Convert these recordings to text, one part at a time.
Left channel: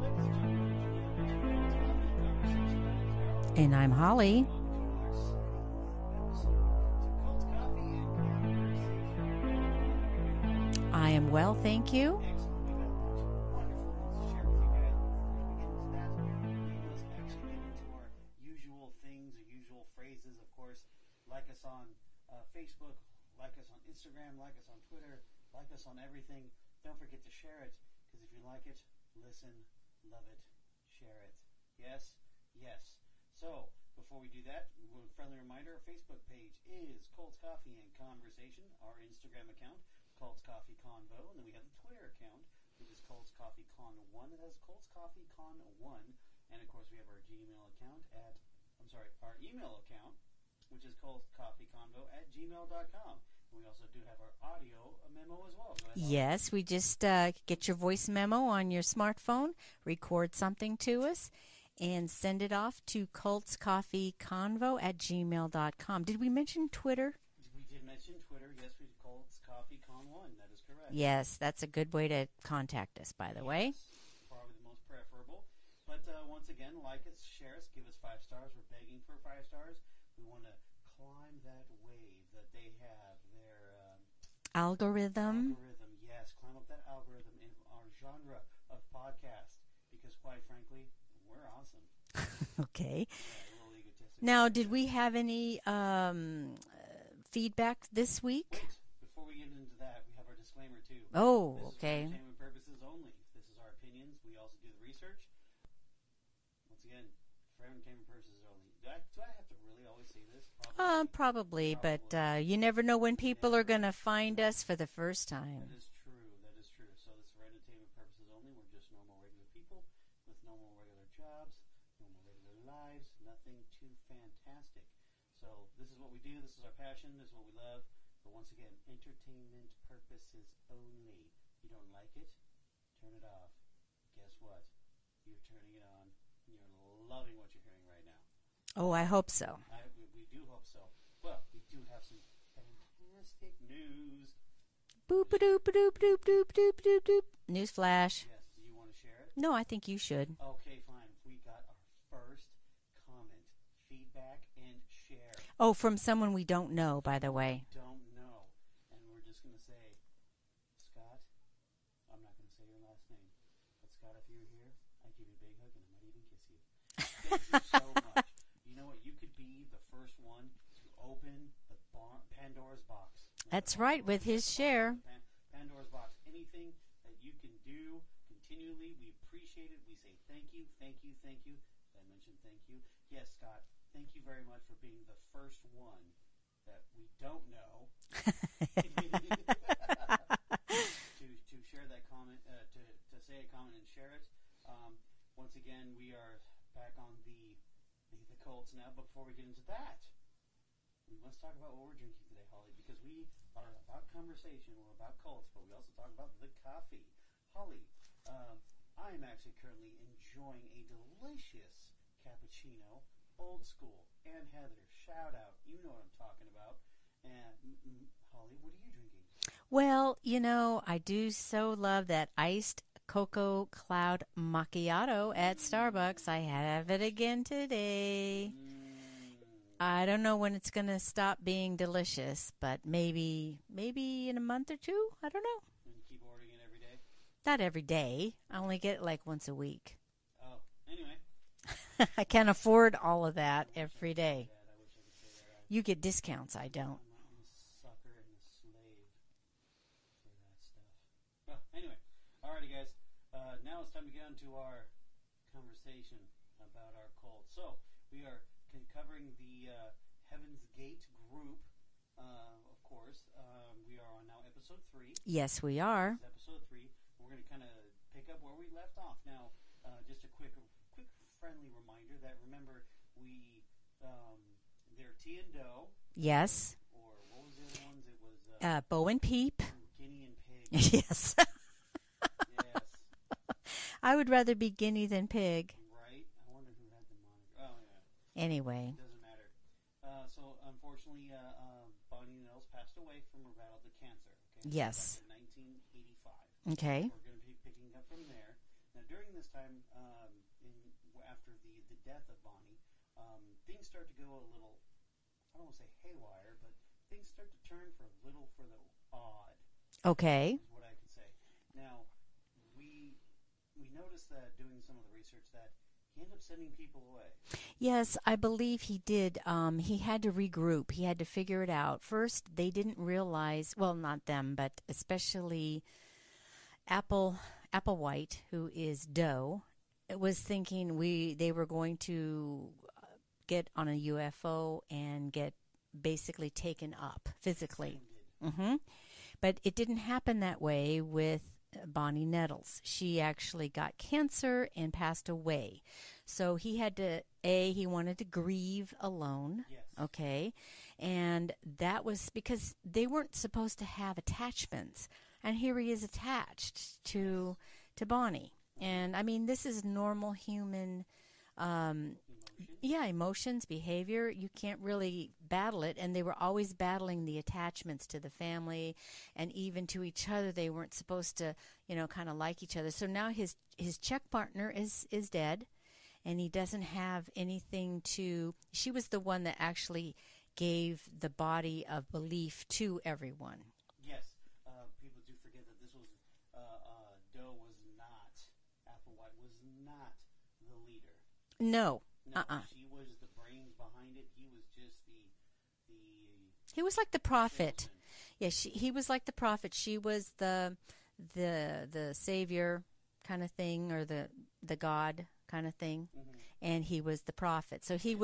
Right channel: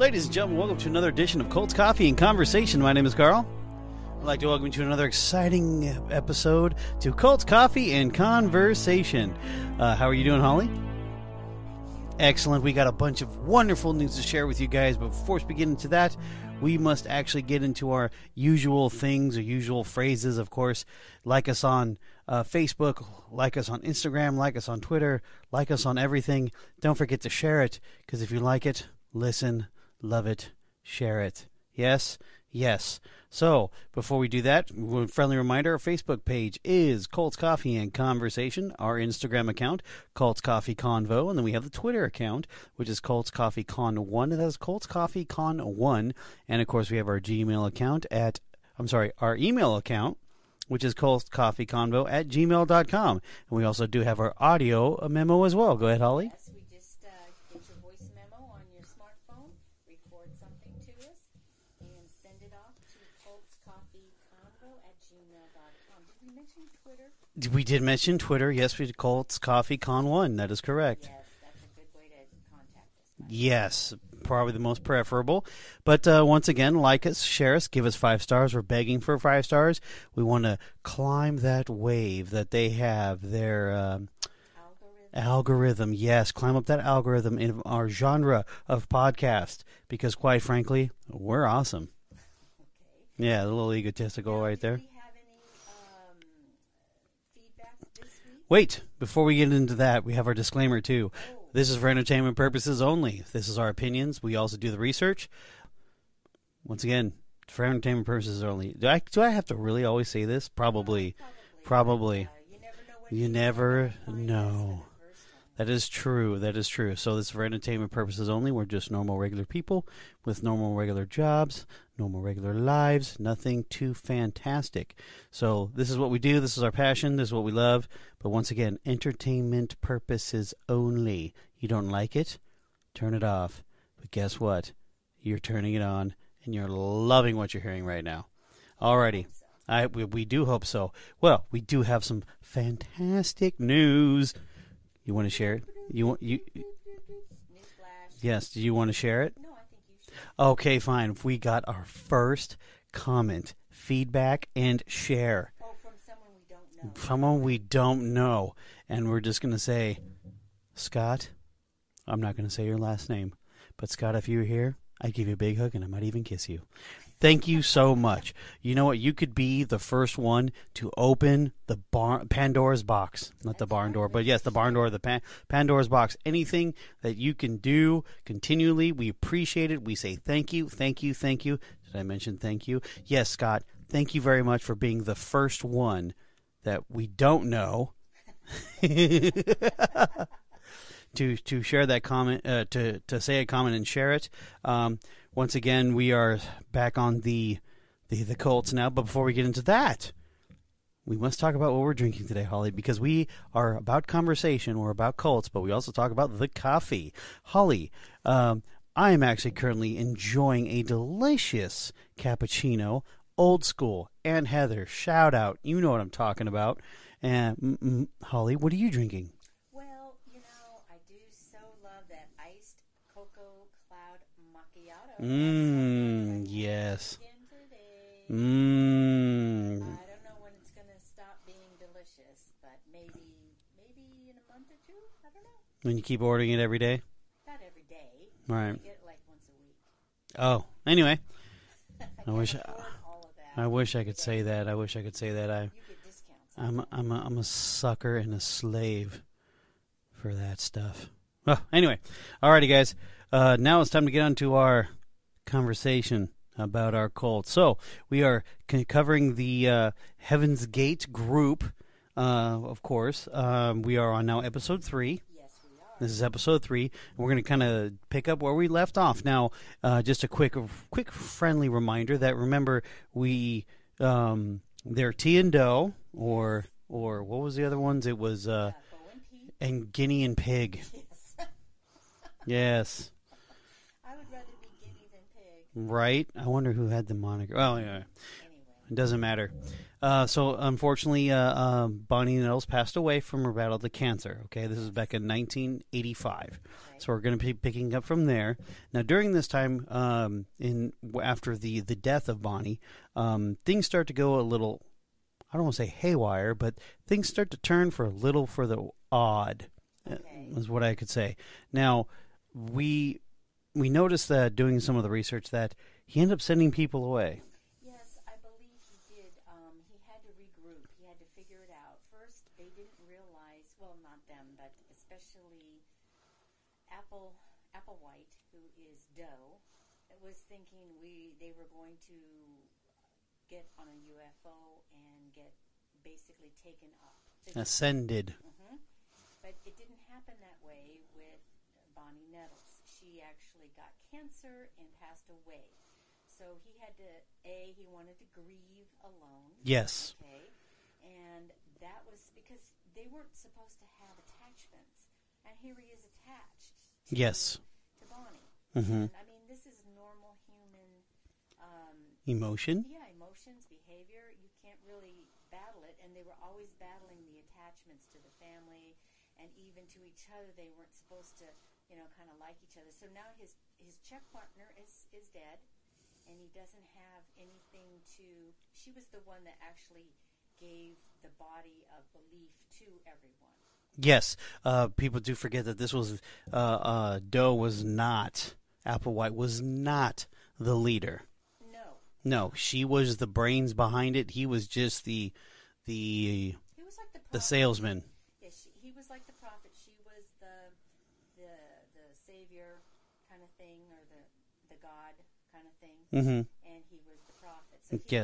Ladies and gentlemen, welcome to another edition of Colts Coffee and Conversation. My name is Carl. And I'm Holly. I'd like to welcome you to another exciting episode to Colts Coffee and Conversation. How are you doing, Holly? I am well, thank you. Excellent. We got a bunch of wonderful news to share with you guys, but before we get into that, we must actually get into our usual things or usual phrases. Of course, like us on Facebook, like us on Instagram, like us on Twitter, like us on everything. Don't forget to share it, because if you like it, listen, love it, share it. Yes? Yes. So, before we do that, a friendly reminder, our Facebook page is Colts Coffee and Conversation, our Instagram account, Colts Coffee Convo, and then we have the Twitter account, which is Colts Coffee Con 1, and that is Colts Coffee Con 1, and of course we have our Gmail account our email account, which is coltscoffeeconvo@gmail.com. And we also do have our audio memo as well. Go ahead, Holly. Yes, we just get your voice memo on your smartphone, record something to us, and send it off to coltscoffeeconvo@gmail.com. Did we mention Twitter? We did mention Twitter. Yes, we did Colts Coffee Con 1. That is correct. Yes, that's a good way to contact us, by the way. Yes, probably the most preferable. But once again, like us, share us, give us 5 stars. We're begging for 5 stars. We want to climb that wave that they have, their algorithm. Yes, climb up that algorithm in our genre of podcast, because quite frankly, we're awesome. Okay. Yeah, a little egotistical now, right there. Now, did we have any feedback this week? Wait, before we get into that, we have our disclaimer too. Oh, this is for entertainment purposes only. This is our opinions. We also do the research. Once again, for entertainment purposes only. Do I have to really always say this? Probably. Probably. But, you never know when people are going to find us for the first time. That is true. That is true. So this is for entertainment purposes only. We're just normal, regular people with normal, regular jobs, normal, regular lives. Nothing too fantastic. So this is what we do. This is our passion. This is what we love. But once again, entertainment purposes only. You don't like it? Turn it off. But guess what? You're turning it on. And you're loving what you're hearing right now. Oh, I hope so. We do hope so. Well, we do have some fantastic news. You want to share it? News flash. Yes. Do you want to share it? No, I think you should. Okay, fine. We got our first comment, feedback, and share. Oh, from someone we don't know, by the way. Someone we don't know. And we're just going to say, Scott, I'm not going to say your last name, but Scott, if you're here, I'd give you a big hug, and I might even kiss you. Thank you so much. You know what? You could be the first one to open the Pandora's box. Not That's the barn right, door, with but yes, the barn door, the Pandora's box. Anything that you can do continually, we appreciate it. We say thank you, thank you, thank you. Did I mention thank you? Yes, Scott, thank you very much for being the first one that we don't know to share that comment, to say a comment and share it. Once again, we are back on the Colts now, but before we get into that, we must talk about what we're drinking today, Holly, because we are about conversation, we're about Colts, but we also talk about the coffee. Holly, I am actually currently enjoying a delicious cappuccino, old school, Aunt Heather, shout out, you know what I'm talking about. And Holly, what are you drinking? Well, you know, I do so love that iced cocoa cloud macchiato at Starbucks. I have it again today. I don't know when it's going to stop being delicious, but maybe in a month or two. I don't know. When you keep ordering it every day? Not every day. Right. I only get it like once a week. Oh, anyway. I can't afford all of that. I wish I could day. say that. I wish I could say that. You get discounts. I'm a sucker and a slave for that stuff. Well, anyway, alrighty, guys. Now it's time to get on to our conversation about our Colts. So we are covering the Heaven's Gate group. Of course, we are on now episode 3. Yes, we are. This is episode 3, and we're going to kind of pick up where we left off. Now, just a quick friendly reminder that remember they're Tea and Dough, yes, or what was the other ones? It was Bo and Peep and Guinea and Pig. Yes, yes. I would rather be guinea than pig. Right? I wonder who had the moniker. Oh, yeah. Anyway. It doesn't matter. So unfortunately, Bonnie Nettles passed away from her battle to cancer. Okay, this is back in 1985. Okay, so we're going to be picking up from there. Now, during this time, after the death of Bonnie, things start to go a little. I don't want to say haywire, but things start to turn for the odd. Okay, is what I could say. Now, we noticed that doing some of the research that he ended up sending people away. Yes, I believe he did. He had to regroup. He had to figure it out. First, they didn't realize, well, not them, but especially Applewhite, who is Doe, was thinking they were going to get on a UFO and get basically taken up physically. Ascended. Mm-hmm. But it didn't happen that way with Bonnie Nettles. She actually got cancer and passed away. So he had to, he wanted to grieve alone. Yes. Okay. And that was because they weren't supposed to have attachments. And here he is attached to Bonnie. Mm-hmm. And, I mean, this is normal human emotion. Yeah, emotions, behavior. You can't really battle it. And they were always battling the attachments to the family and even to each other. They weren't supposed to, kind of like each other. So now his check partner is dead, and he doesn't have anything to. She was the one that actually gave the body of belief to everyone. Yes, people do forget that this was Doe was not, Applewhite was not the leader. No. She was the brains behind it. He was just the he was like the prophet, the salesman. Yeah, he was like the prophet. She was the savior kind of thing, or the God kind of thing, mm-hmm. and he was the prophet. So he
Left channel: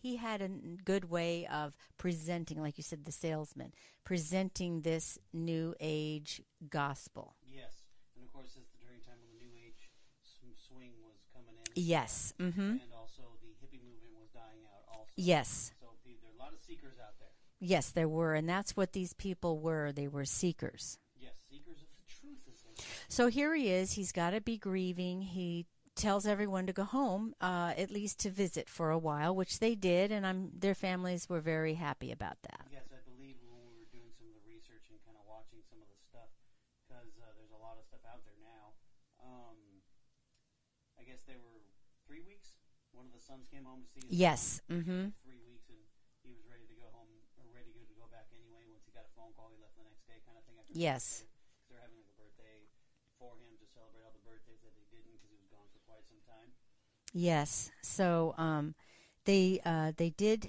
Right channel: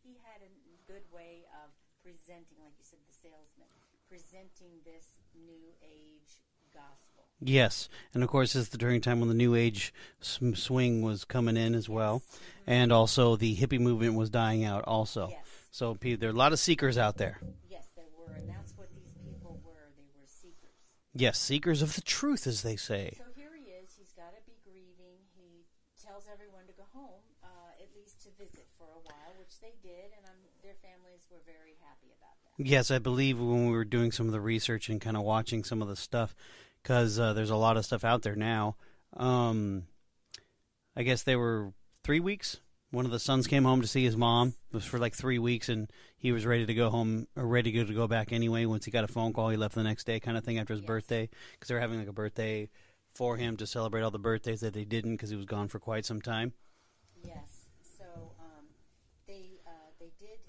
he had a good way of presenting, like you said, the salesman, presenting this new age gospel. Yes, and of course it's during time when the new age swing was coming in as well, mm-hmm. and also the hippie movement was dying out also. Yes. So there are a lot of seekers out there. Yes, there were, and that's what these people were. They were seekers. Yes, seekers of the truth, as they say. So here he is. He's got to be grieving. He tells everyone to go home, at least to visit for a while, which they did, and their families were very happy about that. Yes, I believe when we were doing some of the research and kind of watching some of the stuff, because there's a lot of stuff out there now. I guess they were 3 weeks. One of the sons came home to see his mom. It was for like 3 weeks, and he was ready to go home, or ready to go back anyway. Once he got a phone call, he left the next day kind of thing after his birthday, because they were having like a birthday for him to celebrate all the birthdays that they didn't, because he was gone for quite some time. Yes. So they did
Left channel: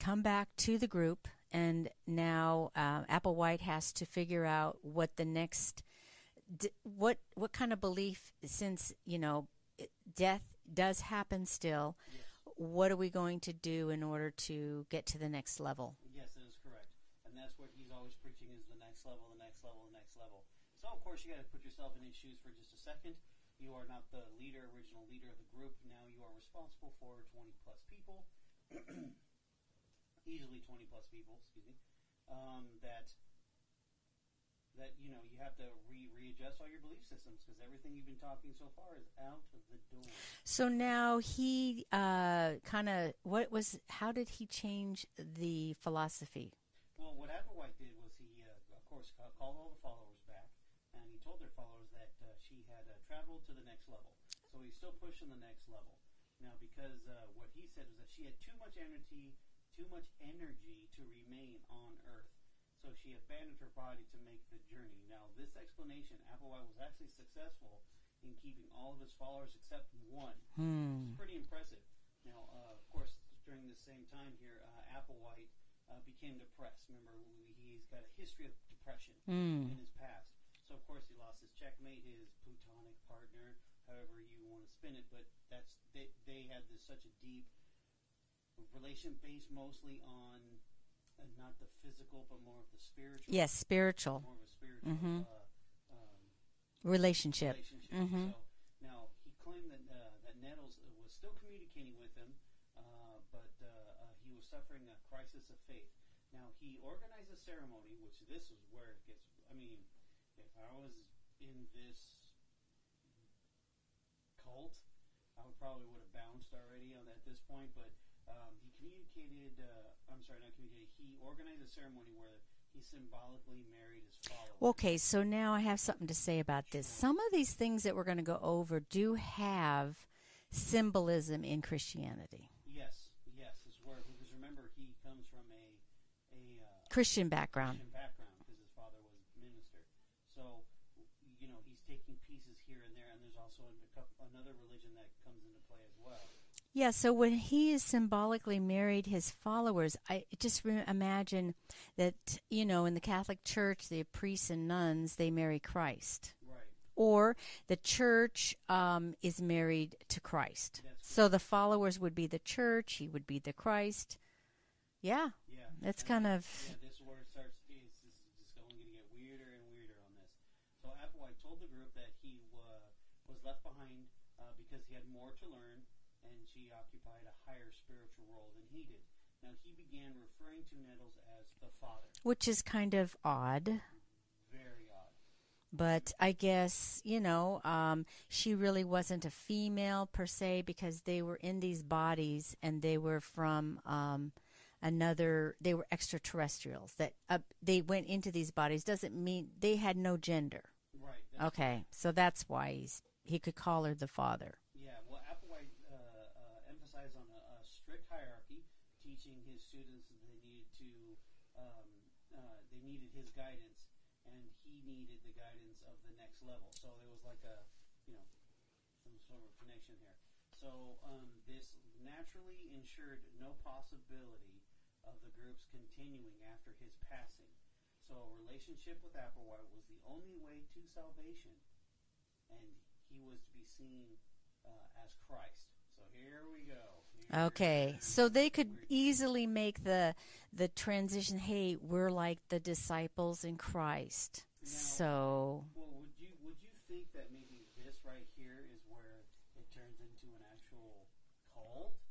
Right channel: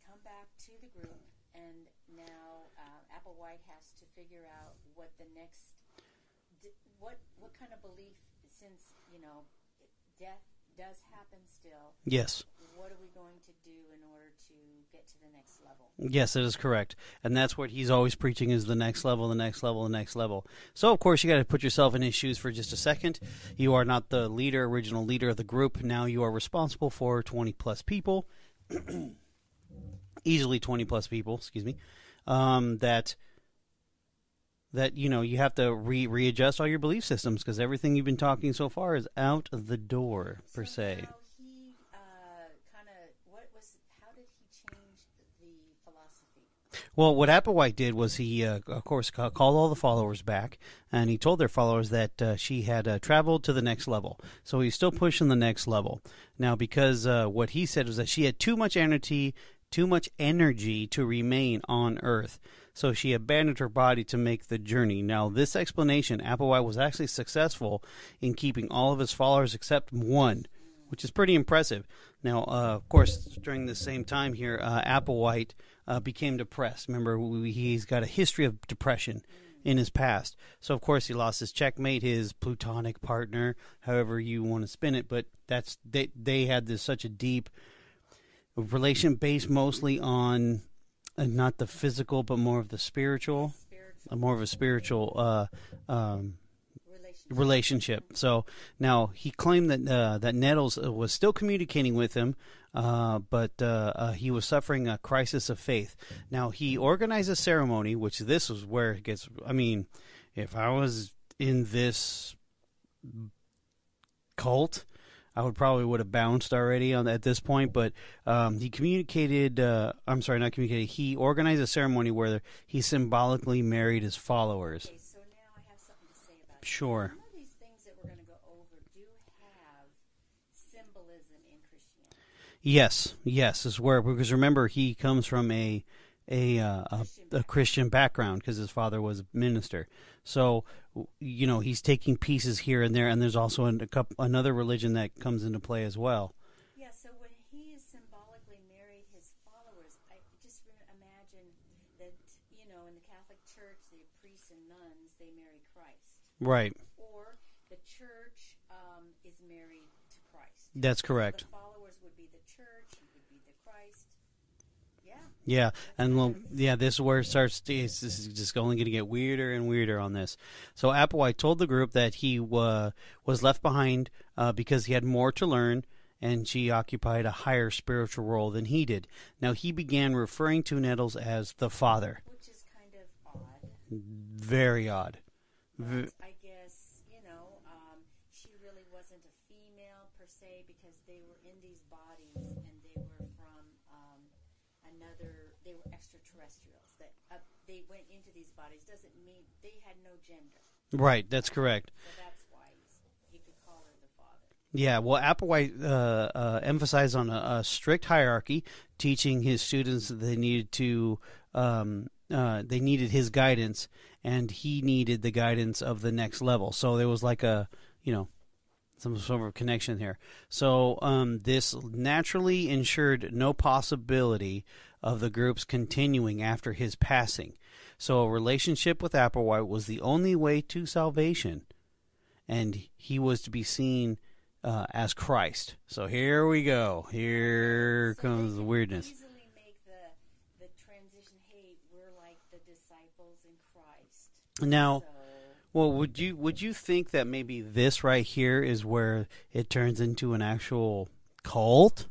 come back to the group, and now Applewhite has to figure out what the next what kind of belief, since death does happen still. Yes. What are we going to do in order to get to the next level? Yes, that is correct. And that's what he's always preaching, is the next level, the next level, the next level. So, of course, you got to put yourself in his shoes for just a second. You are not the original leader of the group. Now you are responsible for 20-plus people. Easily 20-plus people, excuse me. That you have to readjust all your belief systems, because everything you've been talking so far is out the door. So per se. Now he how did he change the philosophy? Well, what Applewhite did was he, of course, called all the followers back, and he told their followers that she had traveled to the next level. So he's still pushing the next level. Now, because what he said was that she had too much energy to remain on Earth. So she abandoned her body to make the journey. Now, this explanation, Applewhite was actually successful in keeping all of his followers except one, which is pretty impressive. Now, of course, during the same time here, Applewhite became depressed. Remember, he's got a history of depression in his past. So, of course, he lost his checkmate, his plutonic partner, however you want to spin it. But they had such a deep relation based mostly on not the physical, but more of the spiritual. Yes, spiritual. More of a spiritual relationship. Mm-hmm. So now he claimed that Nettles was still communicating with him, but he was suffering a crisis of faith. Now he organized a ceremony, which this was where it gets. I mean, if I was in this cult, I would have bounced already at this point. But he communicated. I'm sorry, not communicated. He organized a ceremony where he symbolically married his followers. Okay, so now I have something to say about this. Sure. Some of these things that we're going to go over do have symbolism in Christianity. Yes, is where, because remember, he comes from a Christian background because his father was a minister. So, he's taking pieces here and there, and there's also another religion that comes into play as well. Yeah, so when he is symbolically married his followers, I just imagine that, in the Catholic Church, the priests and nuns, they marry Christ. Right. Or the church is married to Christ. That's correct. So the followers would be the church, he would be the Christ. Yeah. Yeah. That's this is where it starts. This is just only going to get weirder and weirder on this. So Applewhite told the group that he was left behind because he had more to learn, and she occupied a higher spiritual role than he did. Now, he began referring to Nettles as the father. Which is kind of odd. Very odd. But I guess, she really wasn't a female per se, because they were in these bodies and they were from they were extraterrestrials. That they went into these bodies doesn't mean they had no gender. Right, that's correct. So that's why he could call her the father. Yeah, well, Applewhite emphasized on a strict hierarchy, teaching his students that they needed his guidance, and he needed the guidance of the next level. So there was like some sort of connection here. So this naturally ensured no possibility of the groups continuing after his passing. So a relationship with Applewhite was the only way to salvation, and he was to be seen as Christ. So here we go. Here so comes they the could weirdness. easily make the transition. Hey, we're like the disciples in Christ. Now, well, would you think that maybe this right here is where it turns into an actual cult?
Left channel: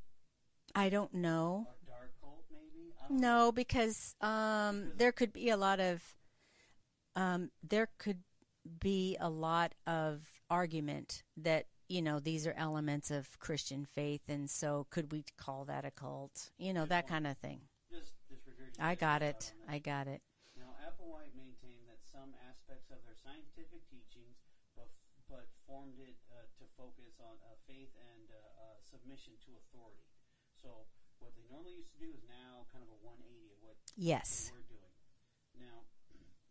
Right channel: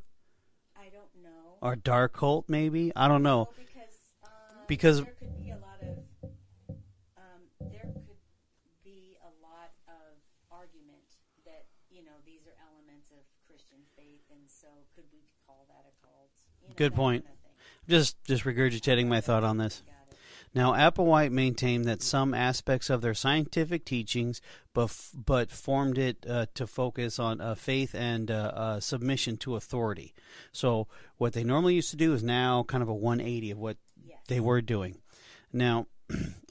I don't know. Or dark cult, maybe? I don't know. No, because there could be a lot of argument that these are elements of Christian faith, and so could we call that a cult? Good that point. kind of thing. Just regurgitating my thought on this. I got it. Now, Applewhite maintained that some aspects of their scientific teachings, but formed it to focus on faith and submission to authority. So what they normally used to do is now kind of a 180 of what they were doing. Now,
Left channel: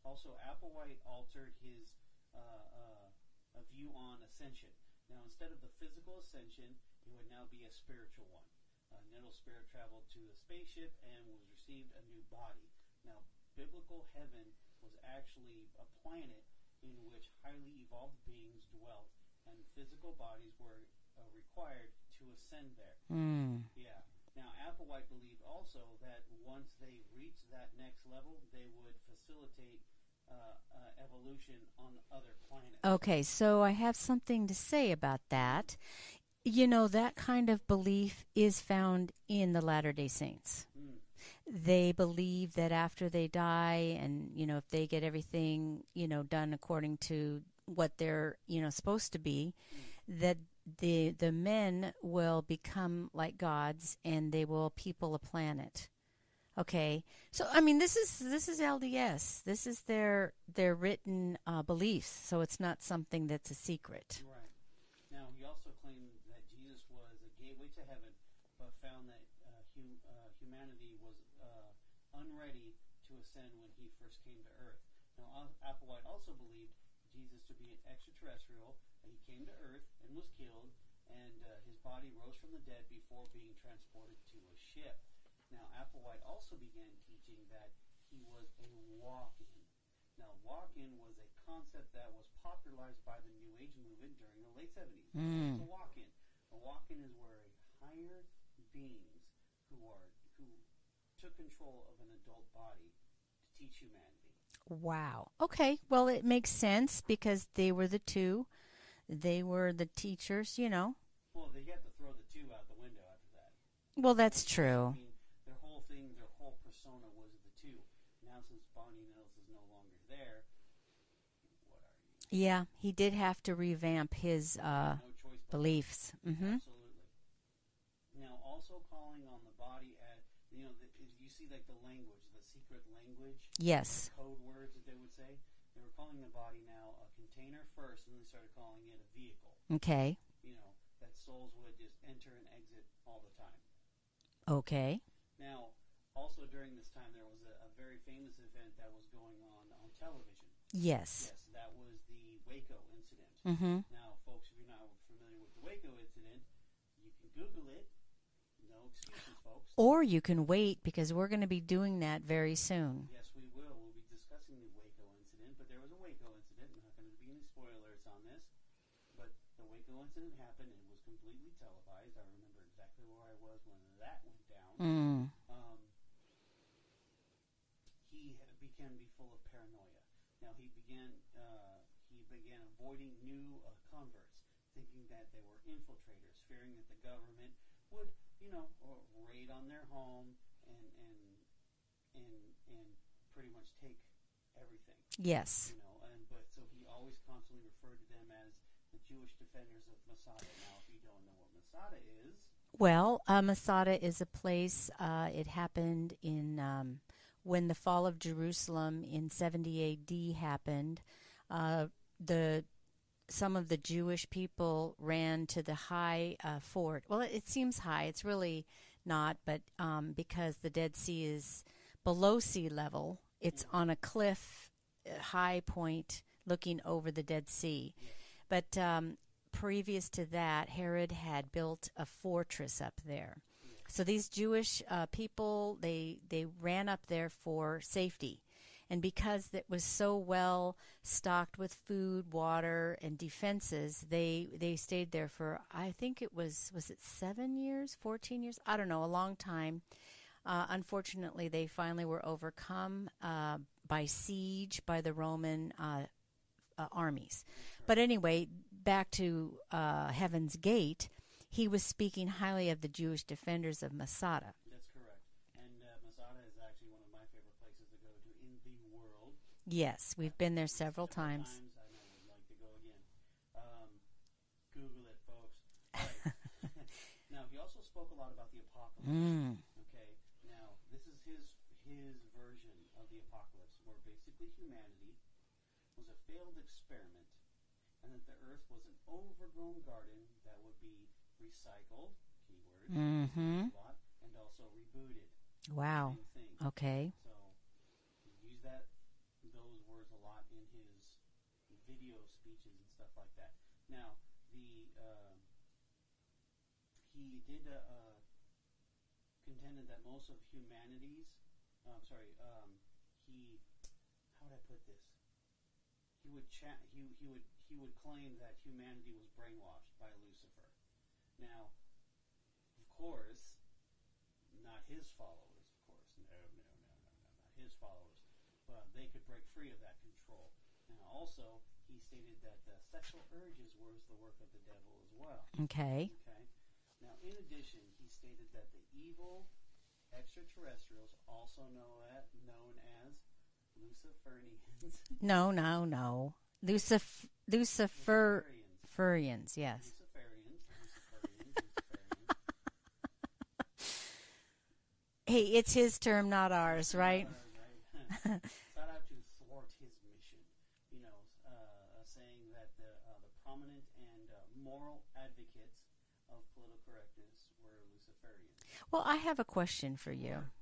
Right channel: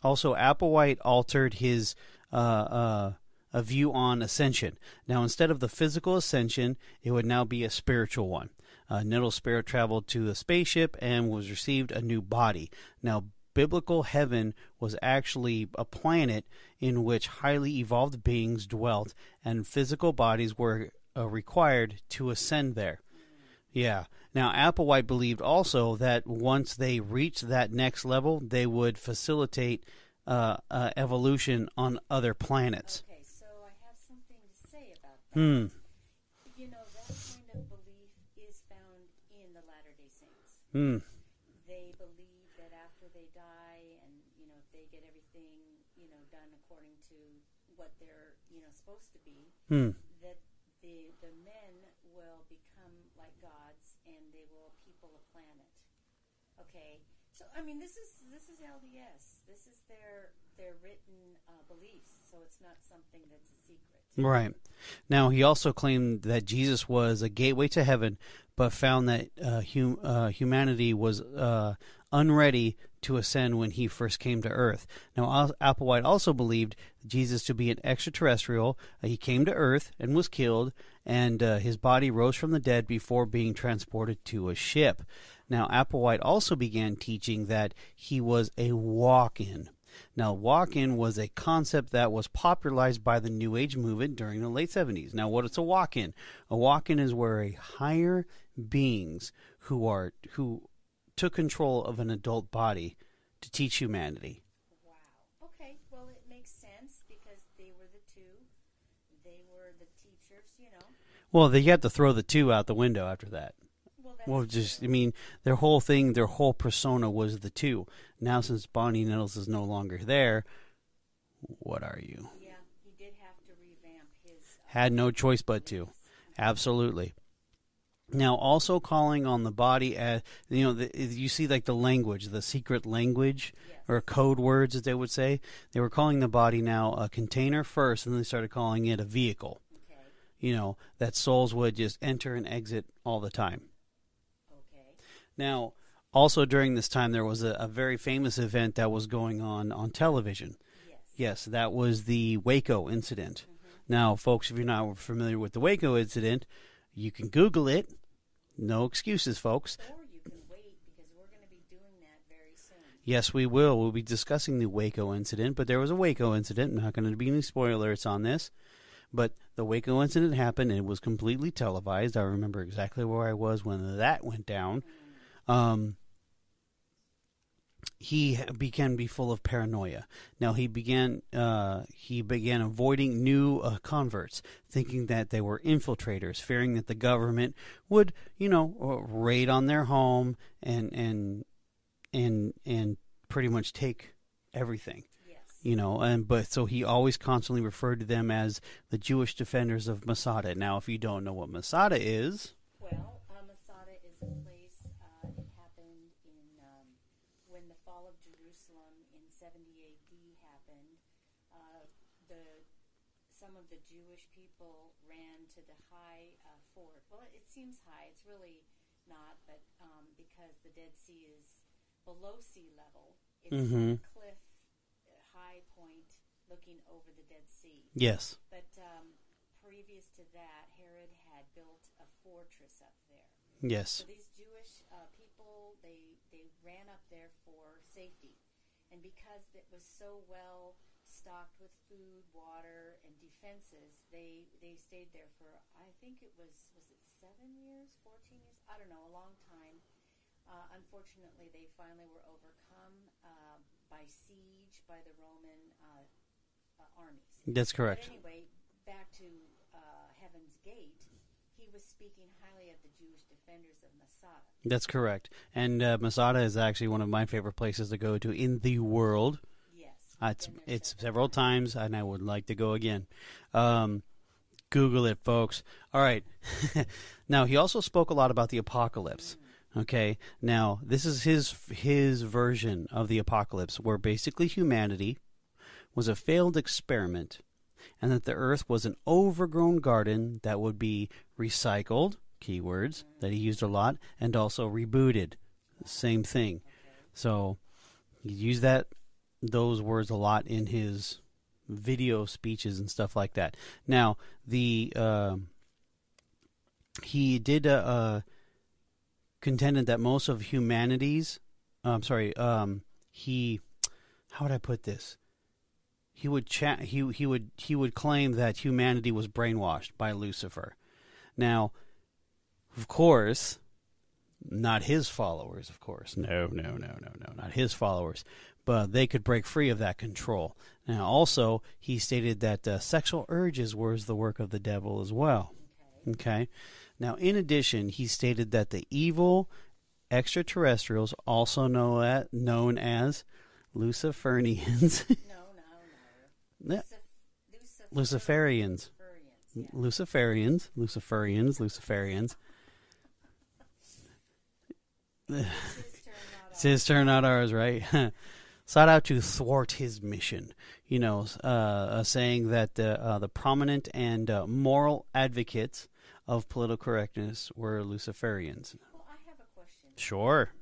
also, Applewhite altered his a view on ascension. Now, instead of the physical ascension, it would now be a spiritual one. Nettles' spirit traveled to a spaceship and was received a new body. Now, biblical heaven was actually a planet in which highly evolved beings dwelt, and physical bodies were required to ascend there. Yeah. Now, Applewhite believed also that once they reached that next level, they would facilitate evolution on other planets. Okay, so I have something to say about that. That kind of belief is found in the Latter-day Saints. They believe that after they die, and if they get everything done according to what they're supposed to be, that the men will become like gods and they will people a planet. Okay, so I mean this is LDS. This is their written beliefs. So it's not something that's a secret. Right. Now, he also claimed that Jesus was a gateway to heaven, but found that humanity was unready to ascend when he first came to Earth. Now, Applewhite also believed Jesus to be an extraterrestrial. He came to Earth and was killed, and his body rose from the dead before being transported to a ship. Now, Applewhite also began teaching that he was a walk-in. Now, walk-in was a concept that was popularized by the New Age movement during the late 70s. Now, what is a walk-in? A walk-in is where a higher beings who took control of an adult body to teach humanity. Wow. Okay. Well, it makes sense because they were the two. They were the teachers, Well, they had to throw the two out the window after that. Well, that's true. I mean, their whole thing, their whole persona was the two. Now, since Bonnie Nettles is no longer there, what are you? Yeah, he did have to revamp his Had no choice but beliefs. to. Absolutely. Now, also calling on the body as, you see like the language, the secret language. Yes. Or code words, as they would say. They were calling the body now a container first, and then they started calling it a vehicle. Okay. That souls would just enter and exit all the time. Okay. Now, also during this time, there was a very famous event that was going on television. Yes. Yes, that was the Waco incident. Now, folks, if you're not familiar with the Waco incident, you can Google it. No excuses, folks. Or you can wait, because we're going to be doing that very soon. Yes, we will. We'll be discussing the Waco incident, but there was a Waco incident. Not going to be any spoilers on this. But the Waco incident happened, and it was completely televised. I remember exactly where I was when that went down. He began to be full of paranoia. Now he began avoiding new converts, thinking that they were infiltrators, fearing that the government would, raid on their home and pretty much take everything. Yes. But so he always constantly referred to them as the Jewish defenders of Masada. Now, if you don't know what Masada is, well, Masada is a place. It happened in when the fall of Jerusalem in 70 A.D. happened. Some of the Jewish people ran to the high fort. Well, it seems high. It's really not, but because the Dead Sea is below sea level, it's on a cliff, high point, looking over the Dead Sea. Yes. But previous to that, Herod had built a fortress up there. Yes. So these Jewish people, they ran up there for safety. And because it was so well stocked with food, water, and defenses, they stayed there for, I think it was it 7 years, 14 years? I don't know, a long time. Unfortunately, they finally were overcome by siege by the Roman armies. That's correct. But anyway, back to Heaven's Gate, he was speaking highly of the Jewish defenders of Masada. That's correct. And Masada is actually one of my favorite places to go to in the world. Yes, we've been there several times, and I would like to go again. Google it, folks. All right. Now, he also spoke a lot about the apocalypse. Okay. Now, this is his version of the apocalypse, where basically humanity was a failed experiment, and that the earth was an overgrown garden that would be recycled, keywords that he used a lot, and also rebooted. Wow. Same thing. Okay. So he used those words a lot in his video speeches and stuff like that. Now, he did contended that most of humanity's how would I put this? He would claim that humanity was brainwashed by Lucifer. Now, of course, not his followers, of course. No, not his followers. But they could break free of that control. Now, also, he stated that sexual urges were the work of the devil as well. Okay. Now, in addition, he stated that the evil extraterrestrials, also known as Luciferians. No. Luciferians. Furians, yes. Luciferians. Hey, it's his term, not ours. It's his term, right? not ours, right? Sought out to thwart his mission. Saying that the prominent and moral advocates of political correctness were Luciferians. Well, I have a question for Sure. you.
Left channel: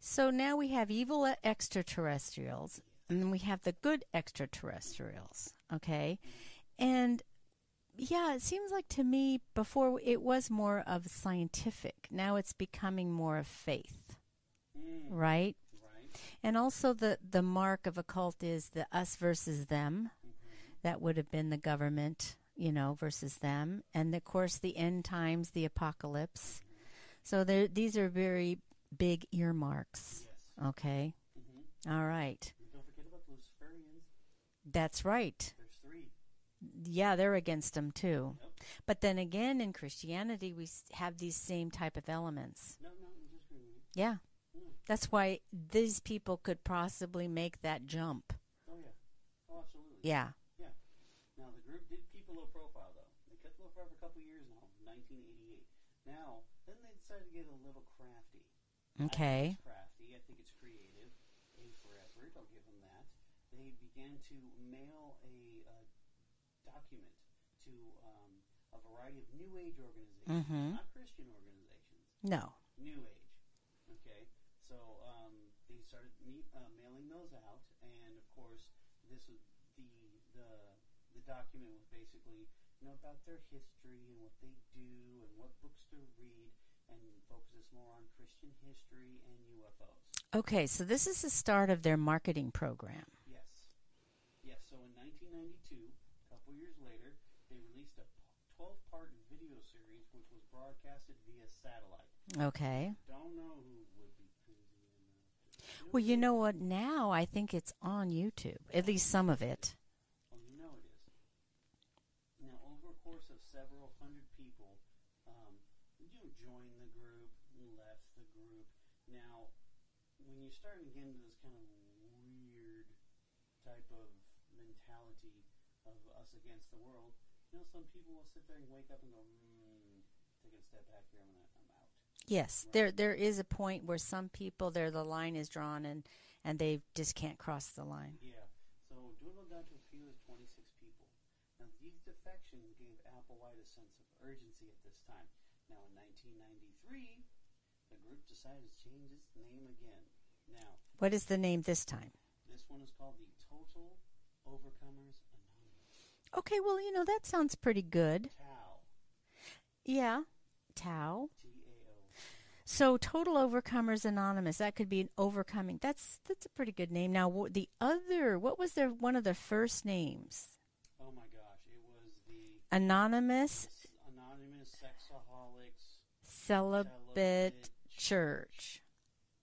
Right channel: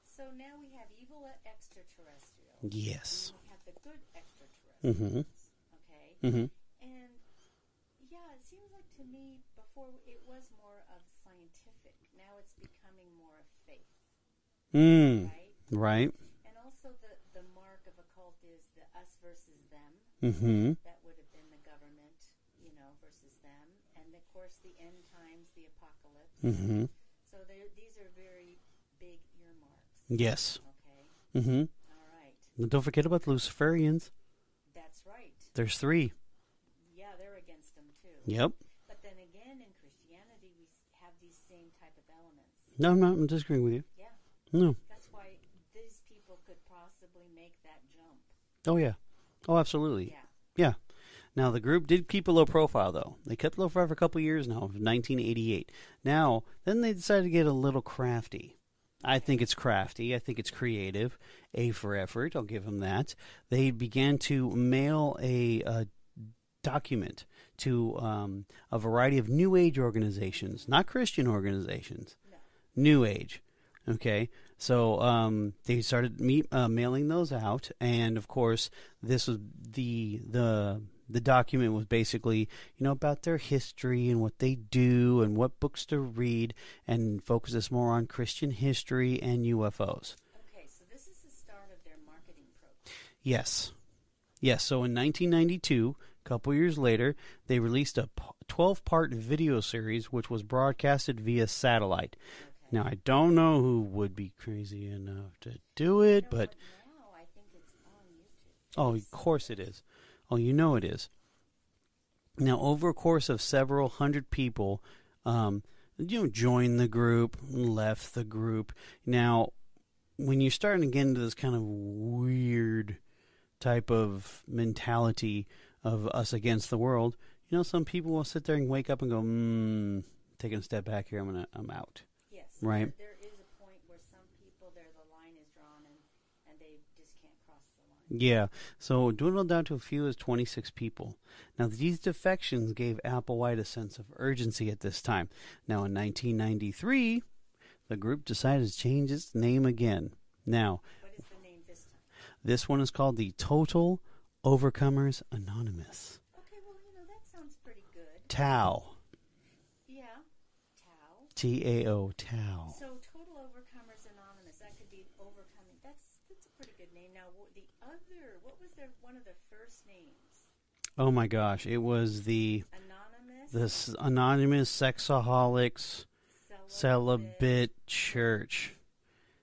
So now we have evil extraterrestrials. Yes. And then we have the good extraterrestrials. Okay? And yeah, it seems like to me before it was more of scientific. Now it's becoming more of faith. Right? Right. And also the mark of a cult is the us versus them. That would have been the government, versus them. And, of course, the end times, the apocalypse. So these are very big earmarks. Yes. Okay. All right. And don't forget about the Luciferians. That's right. There's 3. Yeah, they're against them too. Yep. But then again, in Christianity, we have these same type of elements. No, I'm disagreeing with you. Yeah. No. That's why these people could possibly make that jump. Oh, yeah. Oh, absolutely. Yeah. Yeah. Now, the group did keep a low profile, though. They kept low profile for a couple years now, 1988. Now, then they decided to get a little crafty. Okay. I think it's crafty. I think it's creative. A for effort. I'll give them that. They began to mail a document to a variety of New Age organizations, not Christian organizations. No. New Age. Okay. So they started mailing those out, and of course, this was the document was basically, about their history and what they do and what books to read, and focuses more on Christian history and UFOs. Okay, so this is the start of their marketing program. Yes. So in 1992, a couple years later, they released a 12-part video series, which was broadcasted via satellite. Okay. Now, I don't know who would be crazy enough to do well, it. You know what? Now I think it's on YouTube. At least some of it is. Oh, it is. Now, over a course of several hundred people, joined the group, left the group. Now, when you're starting to get into this kind of weird type of mentality of us against the world, some people will sit there and wake up and go, taking a step back here, I'm out. Yes, right? There is a point where some people, the line is drawn and they just can't cross the line. Yeah, so dwindled down to a few as 26 people. Now, these defections gave Applewhite a sense of urgency at this time. Now, in 1993, the group decided to change its name again. Now, what is the name this time? This one is called the Total Overcomers Anonymous. Okay, well, that sounds pretty good. TAO. Yeah. Tao. TAO, Tao. So Total Overcomers Anonymous. That could be an overcoming. That's a pretty good name. Now, what was one of their first names? Oh my gosh, it was the Anonymous. This Anonymous Sexaholics Celibate Church.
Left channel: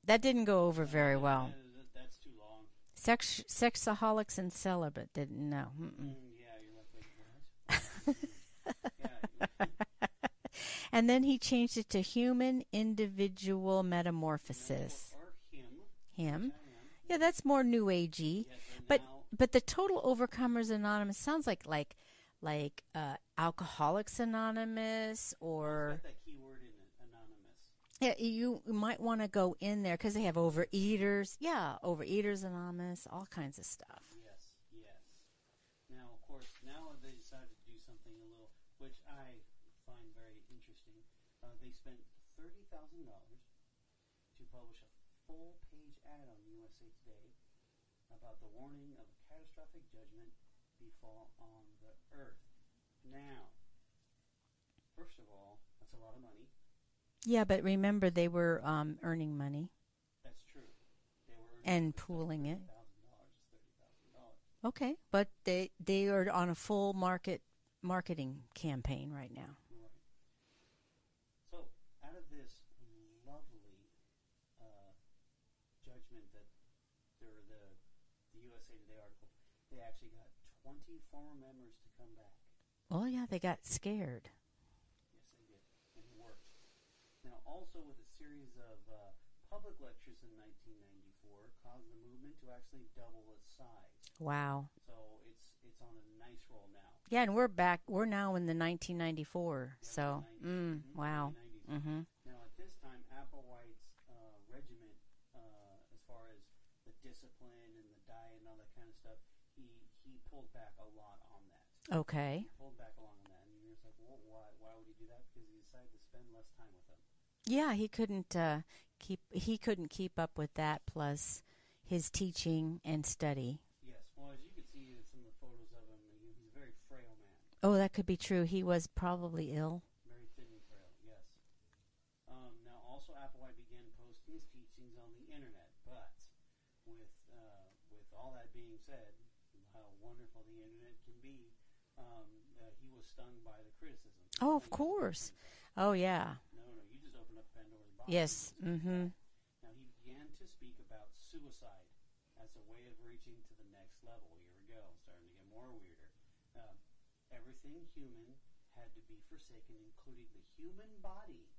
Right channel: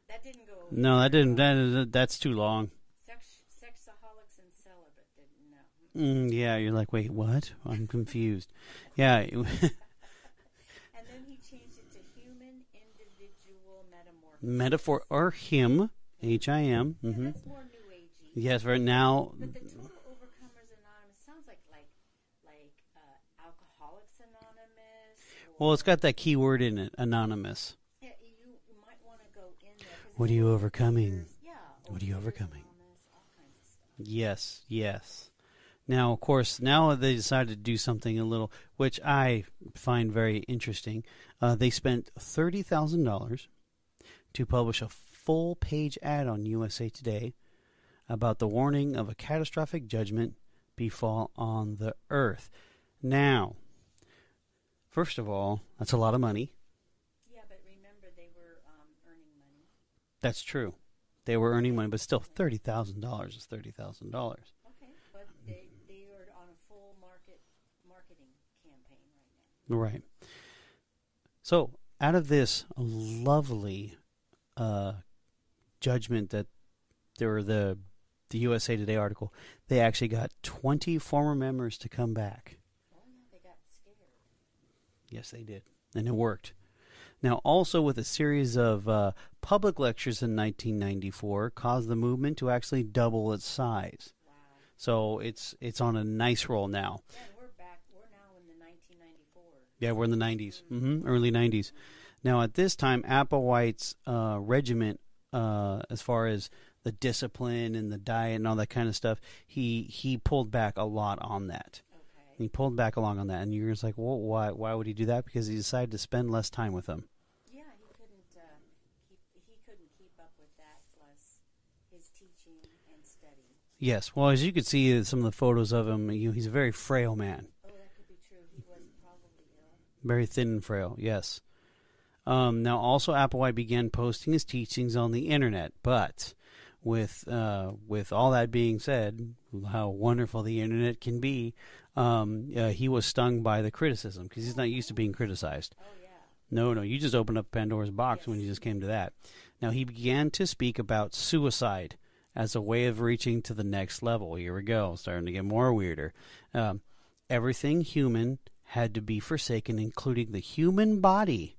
That didn't go over. No, that didn't. Well. That's too long. Sexaholics and Celibate didn't know. Yeah, you're like, wait, what? I'm confused. Yeah. And then he changed it to Human Individual Metamorphosis. Or HIM. HIM. Yeah, that's more New Agey. Yes, right now. But the Total Overcomers Anonymous sounds like Alcoholics Anonymous. Well, it's got that key word in it, anonymous. Yeah, you might want to go in there because they have Overeaters. Yeah, Overeaters Anonymous, all kinds of stuff. Yes. Now, of course, now they decided to do something which I find very interesting. They spent $30,000 to publish a full-page ad on USA Today about the warning of a catastrophic judgment befall on the earth. Now, first of all, that's a lot of money. Yeah, but remember, they were earning money. That's true. They were earning money, but still, $30,000 is $30,000. Okay, but they are on a full marketing campaign right now. Right. So, out of this lovely judgment that there were the USA Today article, they actually got 20 former members to come back. Oh, yeah, they got scared. Yes, they did. And it worked. Now, also with a series of public lectures in 1994, caused the movement to actually double its size. Wow! So it's on a nice roll now. Yeah, and we're back. We're now in the 1994. Yeah, we're in the 90s, wow. Early 90s. Now, at this time, Applewhite's regiment, as far as the discipline and the diet and all that kind of stuff, he pulled back a lot on that. Okay. He pulled back along on that, and you're just like, well, why would he do that? Because he decided to spend less time with them. Yeah, he couldn't keep up with that, plus his teaching and study. Yes. Well, as you could see some of the photos of him, he's a very frail man. Oh, that could be true. He was probably ill. Very thin and frail, yes. Now, also, Applewhite began posting his teachings on the internet, but with all that being said, how wonderful the internet can be, he was stung by the criticism because he's not used to being criticized. Oh, yeah. No, you just opened up Pandora's box when you just came to that. Now, he began to speak about suicide as a way of reaching to the next level. Here we go, starting to get more weirder. Everything human had to be forsaken, including the human body,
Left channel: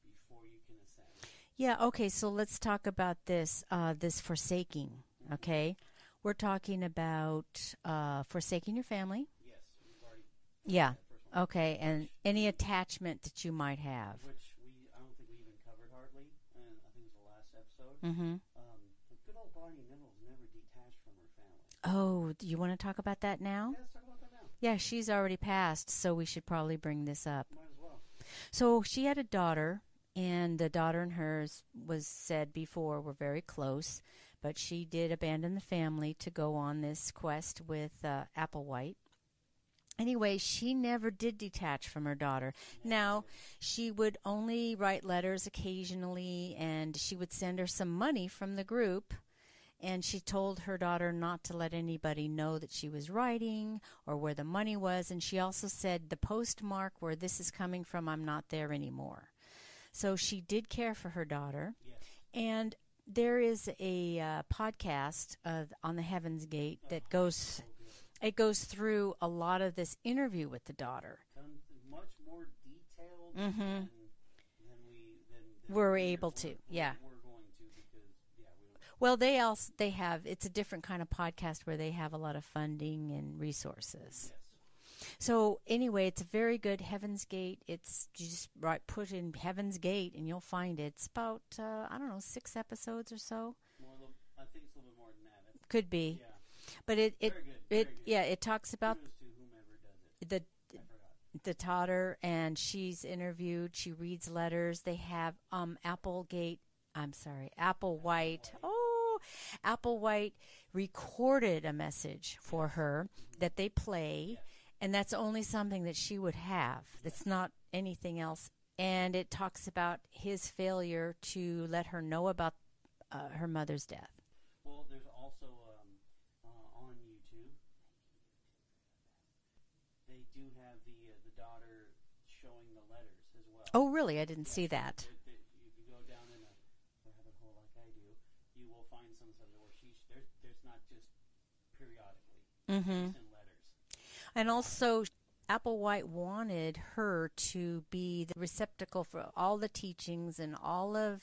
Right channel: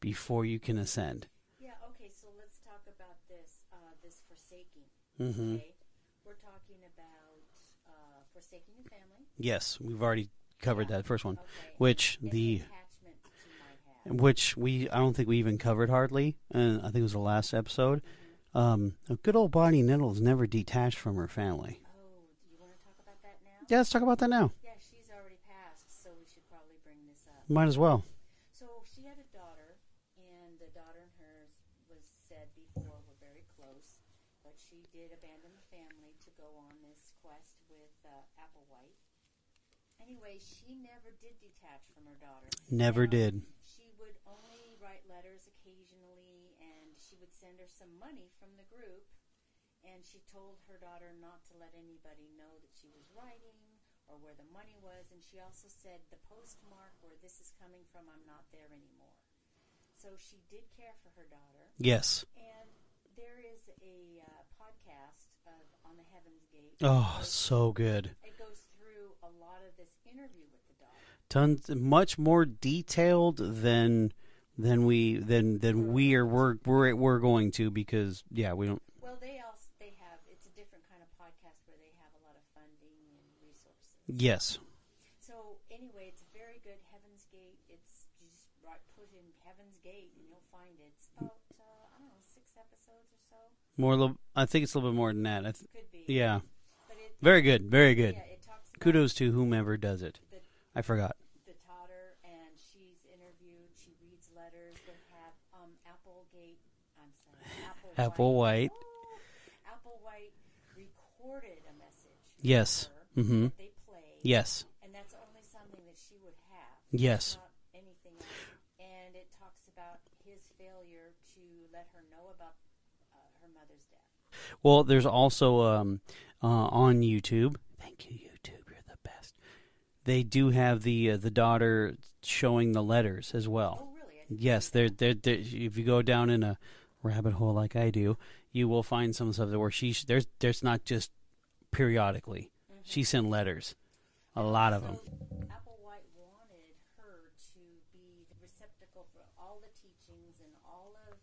before you can ascend. Yeah, okay, so let's talk about this forsaking, okay? We're talking about forsaking your family. Yes, we've already covered that first one. Okay. Which and any attachment that you might have. Which I don't think we even covered hardly. I think it was the last episode. Good old Bonnie Nettles never detached from her family. Oh, do you want to talk about that now? Yeah, let's talk about that now. Yeah, she's already passed, so we should probably bring this up. Might as well. So she had a daughter, and the daughter and hers was said before were very close, but she did abandon the family to go on this quest with Applewhite. Anyway, she never did detach from her daughter. Never did. She would only write letters occasionally, and she would send her some money from the group. And she told her daughter not to let anybody know that she was writing or where the money was. And she also said, the postmark where this is coming from, I'm not there anymore. So she did care for her daughter. Yes. And there is a podcast on the Heaven's Gate. So good. It goes through a lot of this interview with the daughter. Much more detailed than we're going to, because we don't. Well, they have, it's a different kind of podcast where they have a lot of funding and resources. Yes. So anyway, it's a very good Heaven's Gate. It's just put in Heaven's Gate and you'll find it. It's about 6 episodes or so. I think it's a little bit more than that. Could be. Yeah. But very good. Yeah, it talks about. Kudos to whomever does it. I forgot. The daughter, and she's interviewed. She reads letters. They have Applewhite. Applewhite. Oh, Applewhite recorded a message for her that they played. Yes. And that's only something that she would have. Yes. It's not anything else. And it talks about his failure to let her know about her mother's death. Well, there's also on YouTube. Thank you, YouTube. You're the best. They do have the daughter showing the letters as well. Oh, really? I didn't see that. Yes, if you go down in a rabbit hole like I do, you will find some stuff where there's not just periodically. She sent letters. A lot of them. And also, Applewhite wanted her to be the receptacle for all the teachings and all of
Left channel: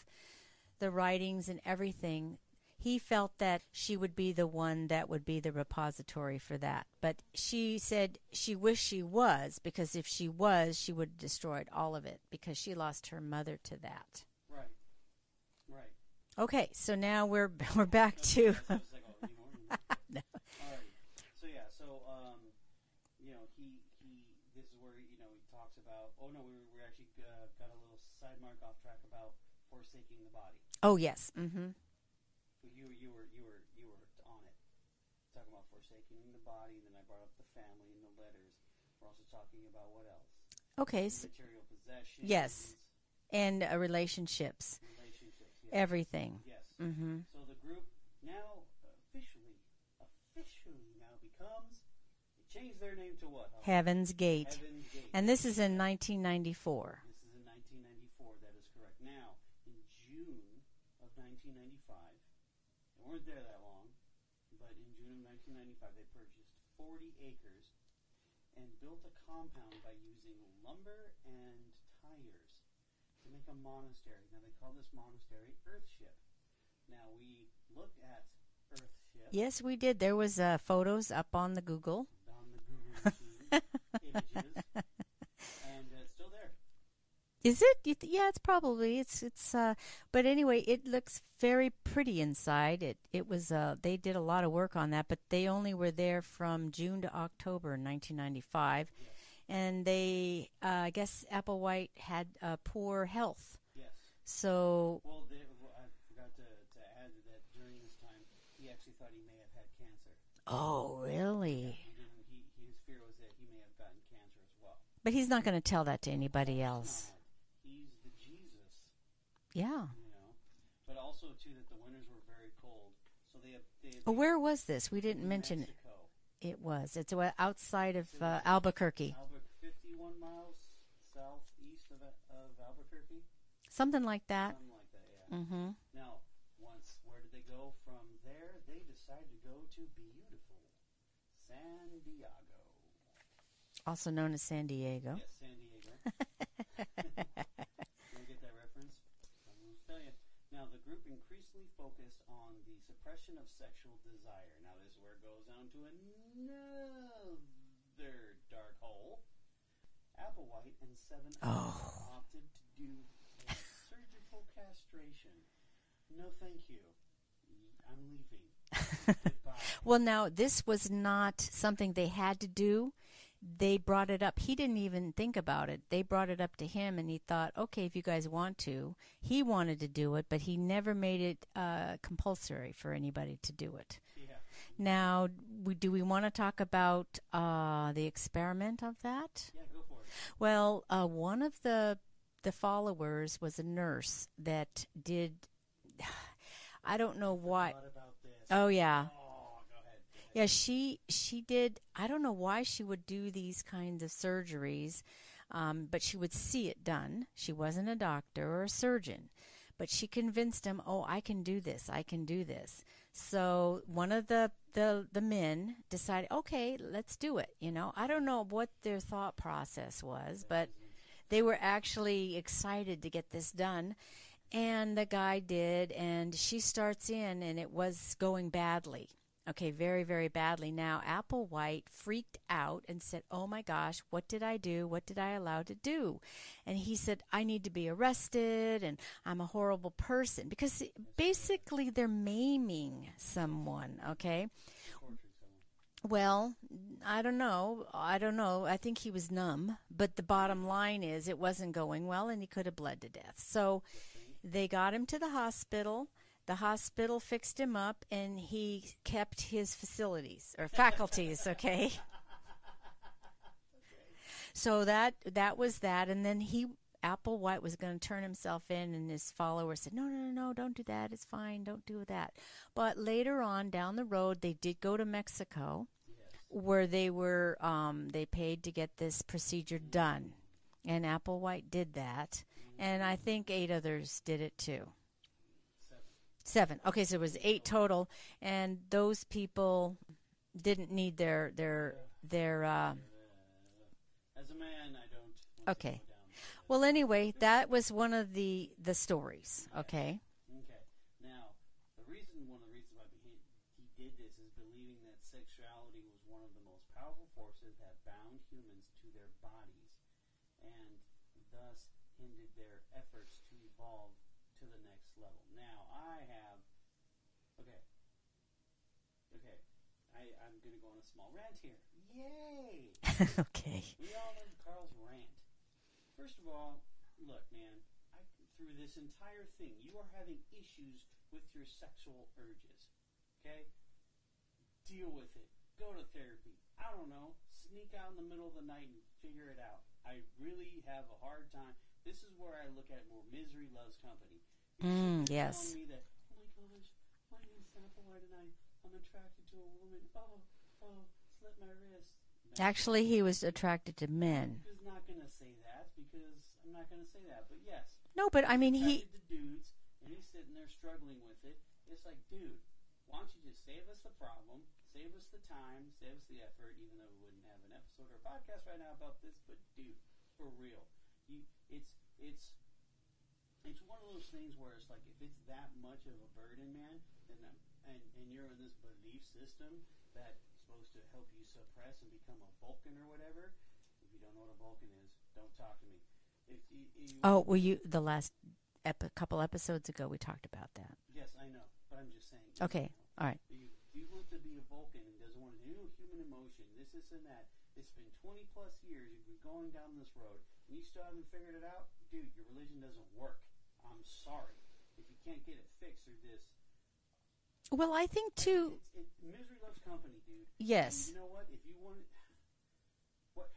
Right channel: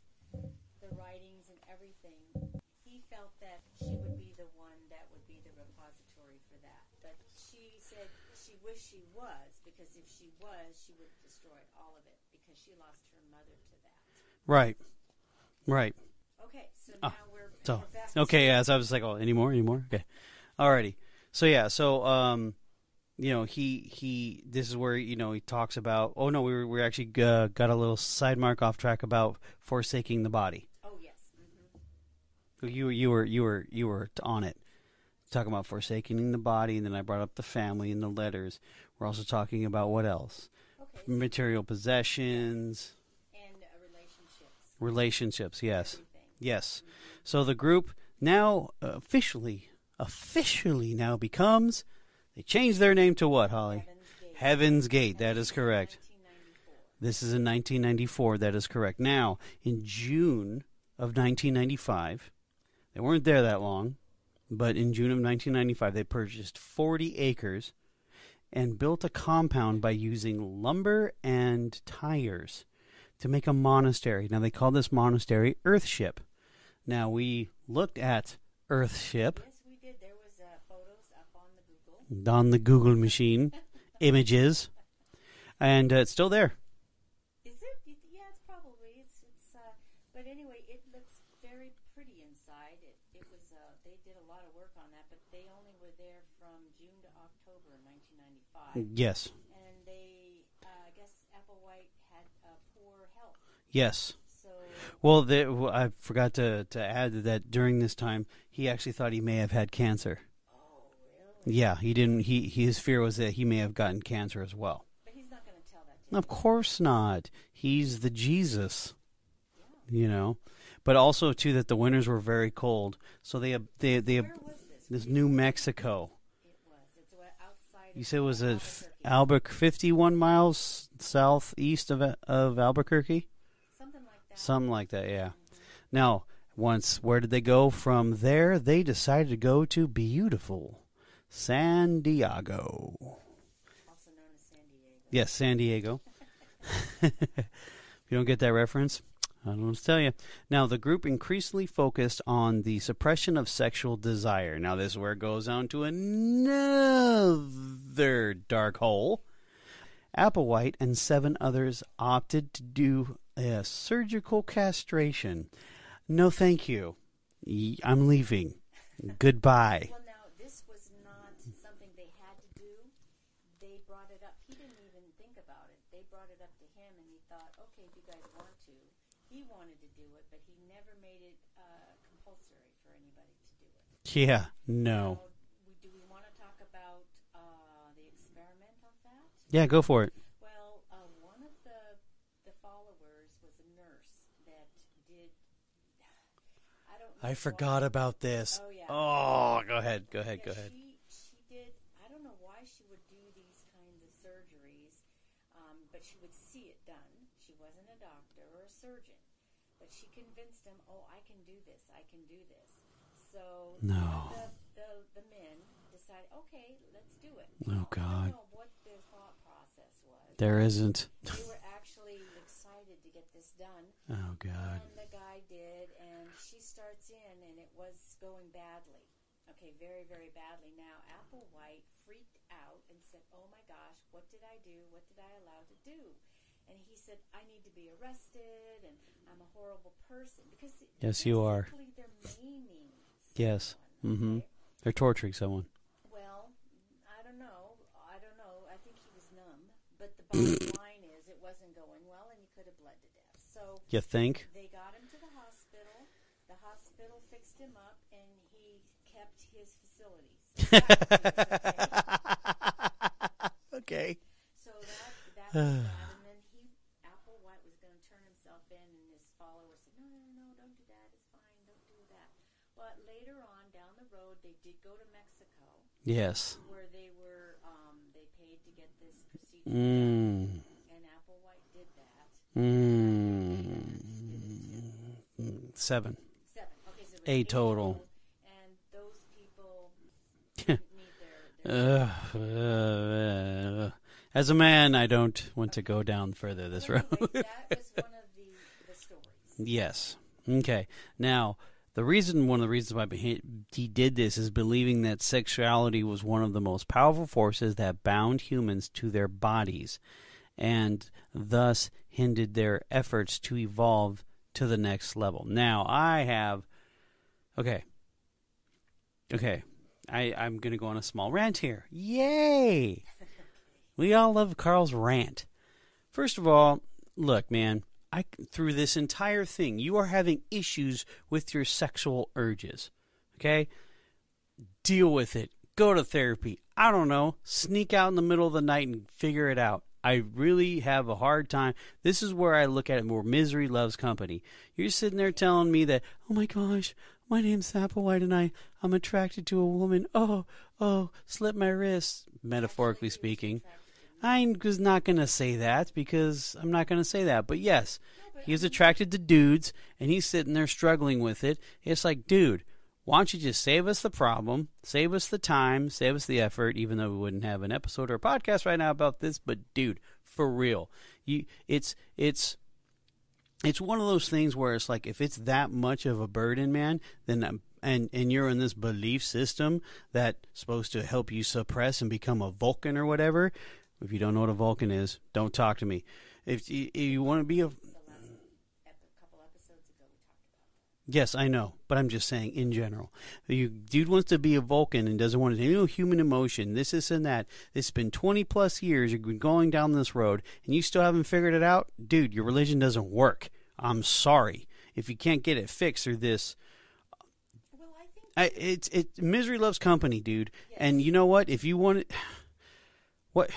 the writings and everything. He felt that she would be the one that would be the repository for that. But she said she wished she was, because if she was, she would have destroyed all of it, because she lost her mother to that. Right. Okay, so now we're back to... Okay, yeah, so I was like, any more? Okay. No. Alrighty. So, he this is where, he talks about, we actually got a little side mark off track about forsaking the body. Oh, yes. You were on it, talking about forsaking the body, and then I brought up the family and the letters. We're also talking about what else? Okay. Material possessions. Yes. And relationships. Relationships, yes. Everything. Yes. So the group now officially now becomes, they changed their name to what, Holly? Heaven's Gate. Heaven's Gate, and that is correct. And this is in 1994. This is in 1994, that is correct. Now, in June of 1995, they weren't there that long, but in June of 1995, they purchased 40 acres and built a compound by using lumber and tires to make a monastery. Now, they call this monastery Earthship. Now, we looked at Earthship. Yes, we did. There was photos up on the Google. On the Google machine. Images. And it's still there. Is it? Yeah, it's probably. It's. But anyway, it looks very pretty inside. It was. They did a lot of work on that, but they only were there from June to October 1995. Yes. And they, I guess, Applewhite had poor health. Yes. So. Well, I forgot to add that during this time, he actually thought he may have had cancer. Oh, really? Yeah, he didn't. His fear was that he may have gotten cancer as well. But he's not going to tell that to anybody else. Of course not. He's the Jesus. Yeah. But also, too, that the winters were very cold. So they where was this? We didn't New mention Mexico. It was. It's outside of it was Albuquerque. 51 miles southeast of Albuquerque. Something like that. Something like that, yeah. Now, where did they go from there? They decided to go to beautiful San Diego. Also known as San Diego. Yes, San Diego. You don't get that reference? I don't know what to tell you. Now, the group increasingly focused on the suppression of sexual desire. Now, this is where it goes on to another dark hole. Applewhite and 7 others opted to do a surgical castration. No, thank you. I'm leaving. Goodbye. Well, now, this was not something they had to do. They brought it up. He didn't even think about it. They brought it up to him, and he thought, okay, if you guys want to. He wanted to do it, but he never made it compulsory for anybody to do it. Yeah, no. Now, do we want to talk about the experiment of that? Yeah, go for it. Well, one of the followers was a nurse that did... I don't know why. I forgot about this. Oh, yeah. Oh, go ahead. Yeah, she did. I don't know why she would do these kinds of surgeries, but she would see it done. She wasn't a doctor or a surgeon, but she convinced him, oh, I can do this. I can do this. So one of the men decided, okay, let's do it. You know, I don't know what their thought process was. There isn't. They were actually excited to get this done. Oh, God. And the guy did, and she starts in, and it was going badly. Okay, very, very badly. Now, Applewhite freaked out and said, oh, my gosh, what did I do? What did I allow to do? And he said, I need to be arrested, and I'm a horrible person. Because basically they're maiming someone, okay? They're torturing someone. Well, I don't know. I think he was numb. But the bottom line is it wasn't going well, and he could have bled to death. So you think? They got him to the hospital. The hospital fixed him up, and he kept his facilities or faculties, okay? Okay. So that was that, and then Applewhite was going to turn himself in, and his followers said, no, don't do that. It's fine. Don't do that. But later on, down the road, they did go to Mexico. Yes. Where they were, they paid to get this procedure done. And Applewhite did that. And I think 8 others did it too. 7. Okay, so it was 8 total. And those people didn't need their as a man, I don't want to go down further. Well, anyway, that was one of the stories. Yes. Okay. Now, one of the reasons why he did this is believing that sexuality was one of the most powerful forces that bound humans to their bodies, and thus hindered their efforts to evolve to the next level. Now, I'm going to go on a small rant here. Yay! Okay. We all love Carl's rant. First of all, look, man, through this entire thing, you are having issues with your sexual urges. Okay? Deal with it. Go to therapy. I don't know. Sneak out in the middle of the night and figure it out. I really have a hard time. This is where I look at it more. Misery loves company. You're sitting there telling me that, oh my gosh, my name's Applewhite and I'm attracted to a woman. Oh, slit my wrist, metaphorically speaking. Actually, he was attracted to men. I was not going to say that because I'm not going to say that. But yes, he's attracted to dudes, and he's sitting there struggling with it. It's like, dude, why don't you just save us the problem, save us the time, save us the effort, even though we wouldn't have an episode or a podcast right now about this. But, dude, for real, it's one of those things where it's like if it's that much of a burden, man, then and you're in this belief system that's supposed to help you suppress and become a Vulcan or whatever. If you don't know what a Vulcan is, don't talk to me. If you want to be the last couple episodes ago, we talked about that. Yes, I know, but I'm just saying in general. All right. Dude wants to be a Vulcan and doesn't want to human emotion. This and that. It's been 20 plus years. You've been going down this road, and you still haven't figured it out, dude. Your religion doesn't work. I'm sorry if you can't get it fixed through this. Well, I think too. Misery loves company, dude. Yes. And you know what? If you want it, what?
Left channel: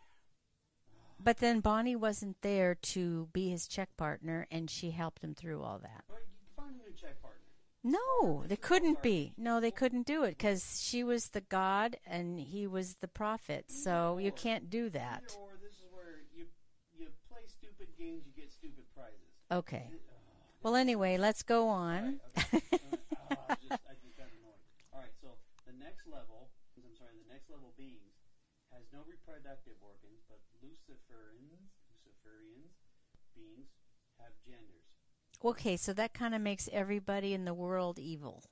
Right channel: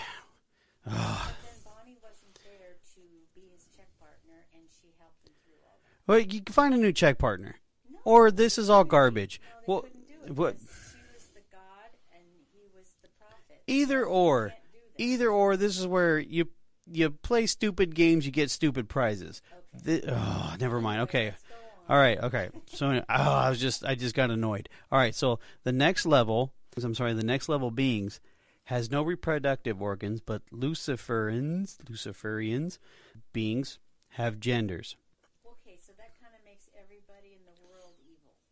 But then Bonnie wasn't there to be his check partner, and she helped him through all that. Well, you can find a new check partner. No, or this is all garbage. No, they couldn't do it because she was the god and he was the prophet. Either so or, you can't do that. Either or. This is where you play stupid games, you get stupid prizes. Okay. Never mind. Anyway, okay, let's go on. All right. Okay. So I just got annoyed. All right. So the next level beings has no reproductive organs, but Luciferians beings have genders. Okay, so that kind of makes everybody in the world evil.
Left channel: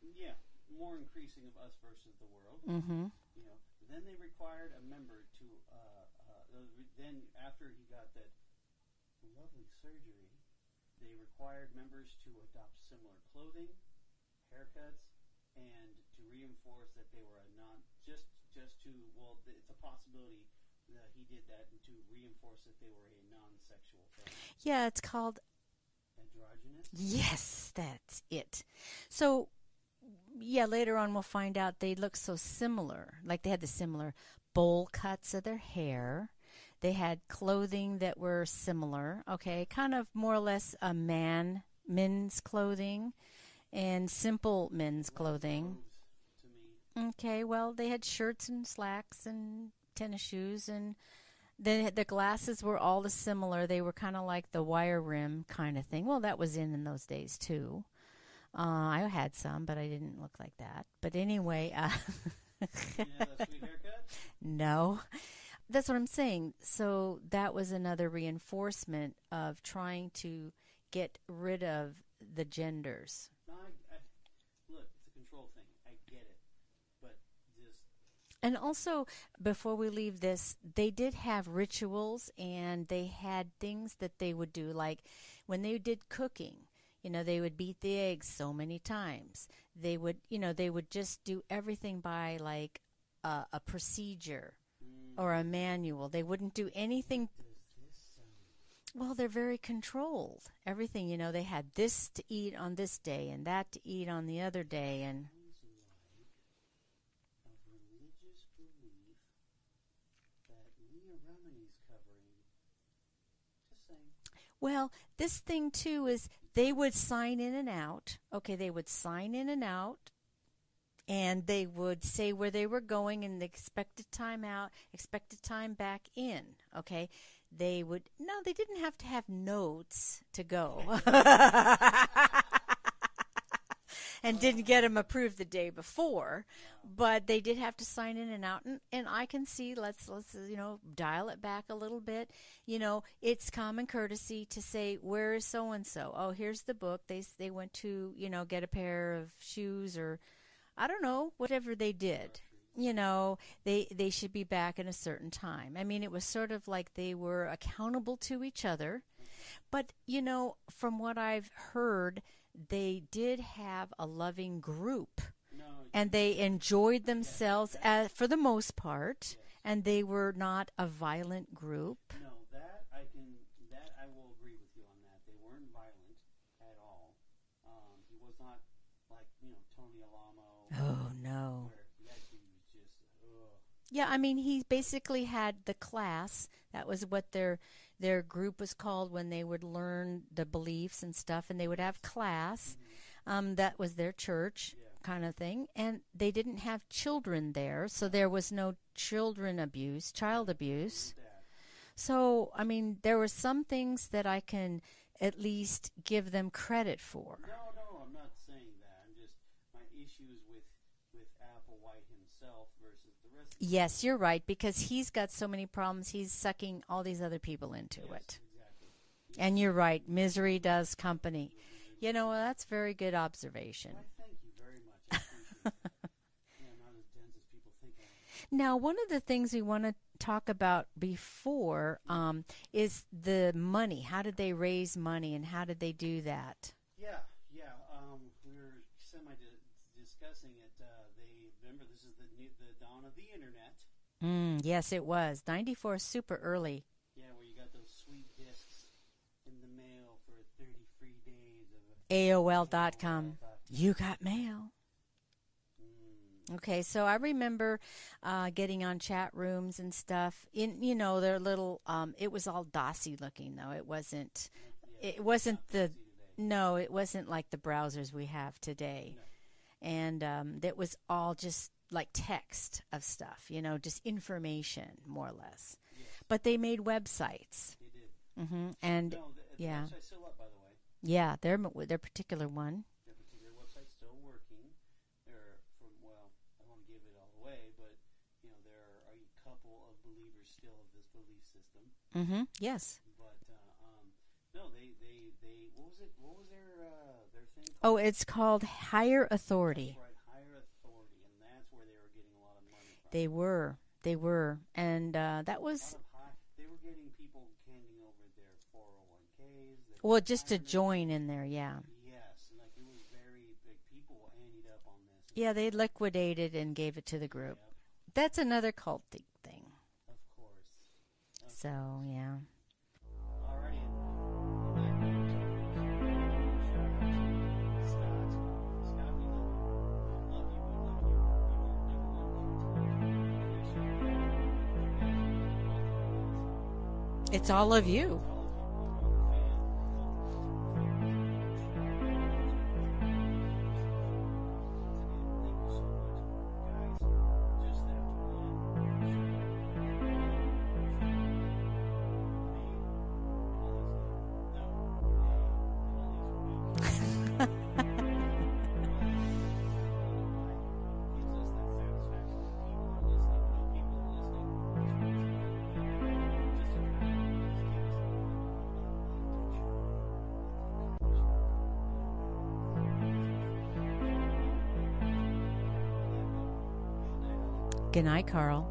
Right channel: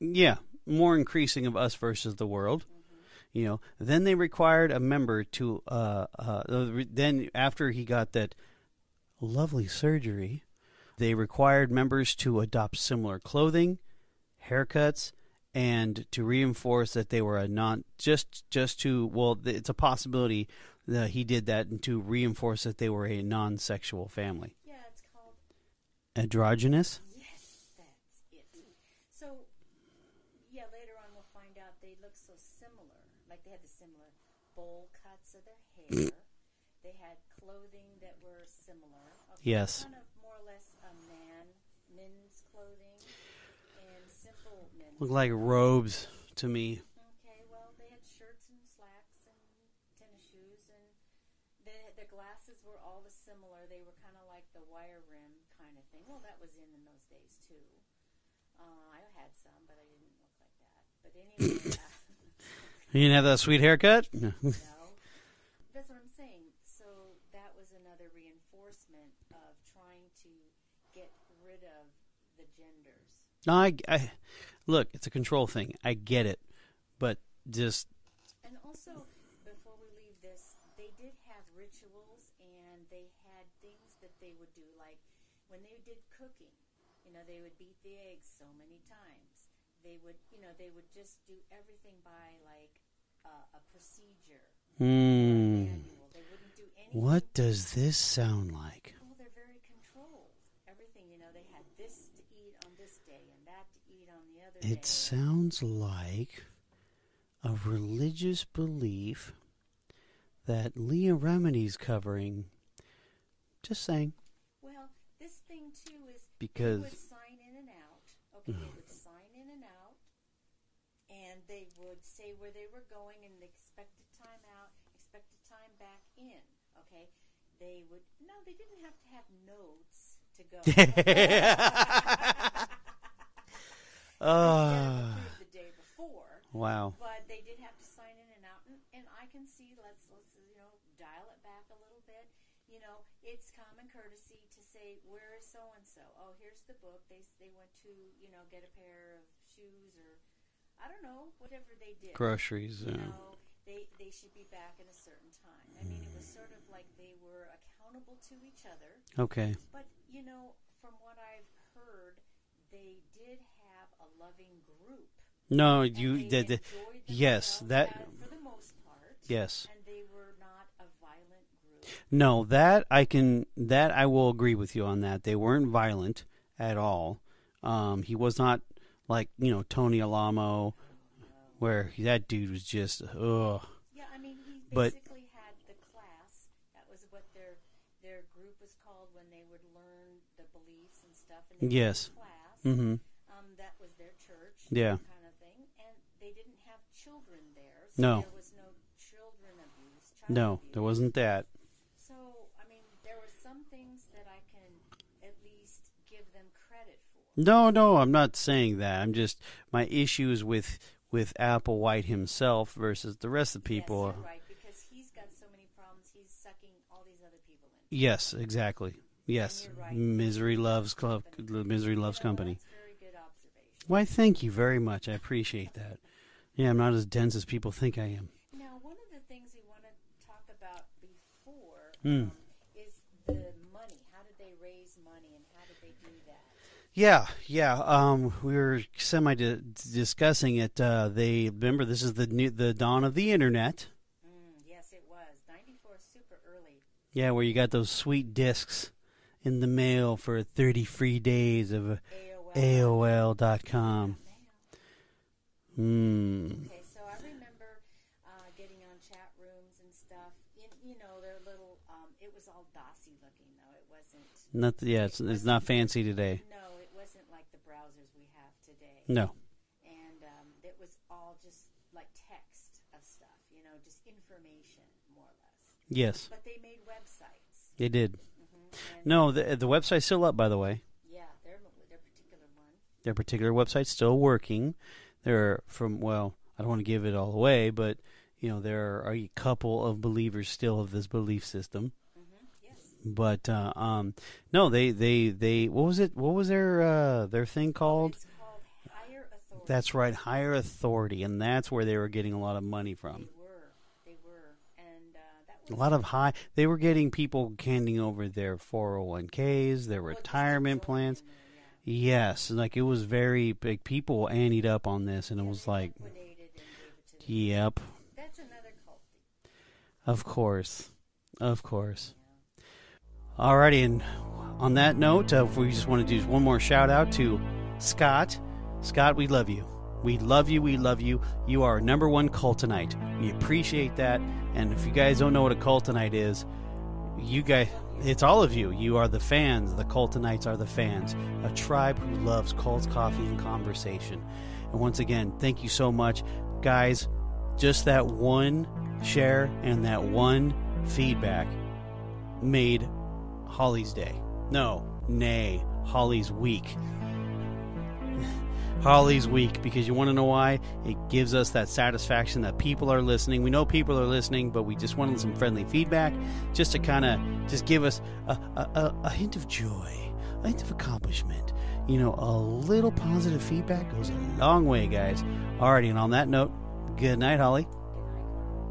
Yeah, more increasing of us versus the world. Mm-hmm. Then they required a member to. Then after he got that lovely surgery, they required members to adopt similar clothing, haircuts, and to reinforce that they were a non. Just to it's a possibility that he did that, and to reinforce that they were a non-sexual family. Yeah, it's called androgynous. Yes, that's it. So, yeah, later on we'll find out they look so similar. Like they had the similar bowl cuts of their hair. They had clothing that were similar. Okay, yes. Kind of more or less men's clothing and simple men's Looked clothing. like robes to me. Okay, well, they had shirts and slacks and tennis shoes, and the glasses were all similar. They were kind of like the wire rim kind of thing. Well, that was in those days, too. I had some, but I didn't look like that. But anyway. You didn't have that sweet haircut? No. That's what I'm saying. So that was another reinforcement of trying to get rid of the genders. No, I look, it's a control thing. I get it. But just... And also, before we leave this, they did have rituals, and they had things that they would do. Like when they did cooking, they would beat the eggs so many times. They would just do everything by like a procedure or a manual. They wouldn't do anything. What does this sound like? Well, they're very controlled. Everything, they had this to eat on this day and that to eat on the other day. It sounds like a religious belief that Leah Remini's covering. Just saying. Well, this thing, too, is they would sign in and out. Okay, they would sign in and out, and they would say where they were going and the expected time out, expected time back in. Okay, they didn't have to have notes to go. And didn't get them approved the day before. Wow. But they did have to sign in and out. And I can see, let's dial it back a little bit. It's common courtesy to say, where is so-and-so? Oh, here's the book. They went to, get a pair of shoes or, I don't know, whatever they did. Groceries. They should be back in a certain time. I mean, it was sort of like they were accountable to each other. Okay. But, from what I've heard, they did have a loving group. No, and they enjoyed themselves for the most part. Yes. And they were not a violent group. No, that I will agree with you on that. They weren't violent at all. He was not like, Tony Alamo. Oh, no. Where that dude was just, ugh. Yeah, I mean, he basically had the class. That was what their group was called when they would learn the beliefs and stuff, and they would have class. Mm-hmm. That was their church kind of thing. And they didn't have children there, so there was no child abuse. No, there wasn't that. So, I mean, there were some things that I can at least give them credit for. No, I'm not saying that. I'm just, my issue is with Applewhite himself versus the rest of the people. Yes, you're right, because he's got so many problems. He's sucking all these other people into it. Yes, exactly. Yes. And you're right. Misery loves company. Misery loves company. That's a very good observation. Why, thank you very much. I appreciate that. Yeah, I'm not as dense as people think I am. Now, one of the things we want to talk about before is the money. How did they raise money, and how did they do that? Yeah. We were discussing it. Remember, this is the dawn of the internet. Yes, it was 94, super early. Yeah, where you got those sweet discs in the mail for 30 free days of AOL.com. You got mail. Okay, so I remember getting on chat rooms and stuff. Their little. It was all DOSy looking, though. It wasn't. It's not fancy today. No, it wasn't like the browsers we have today. No. And it was all just like text of stuff, just information, more or less. Yes. But they made websites. They did. Mm-hmm. And no, the website's still up, by the way. Yeah, their particular one. Their particular website's still working. They're I don't want to give it all away, but there are a couple of believers still of this belief system. Mm-hmm. Yes. But no, they what was it? What was their thing called? Oh, it's called higher authority. That's right, higher authority, and that's where they were getting a lot of money from. They were, and that was a lot of They were getting people handing over their 401ks, their retirement just to join plans in there. Yeah. Yes, like it was very big. People anteed up on this, and it was they like liquidated and gave it to the group. Yep. That's another cult thing. Of course. Of course. Yeah. Alrighty, and on that note, we just want to do one more shout out to Scott. Scott, we love you. We love you. We love you. You are our number one cultonite. We appreciate that. And if you guys don't know what a cultonite is, It's all of you. It's all of you. You are the fans. The cultonites are the fans. A tribe who loves cults, coffee, and conversation. And once again, thank you so much, guys. Just that one share and that one feedback made Holly's day. Nay, Holly's week. Holly's week, because you want to know why? It gives us that satisfaction that people are listening. We know people are listening, but we just wanted some friendly feedback just to kind of just give us a hint of joy, a hint of accomplishment. A little positive feedback goes a long way, guys. Alrighty, and on that note, good night, Holly. Good night, Carl.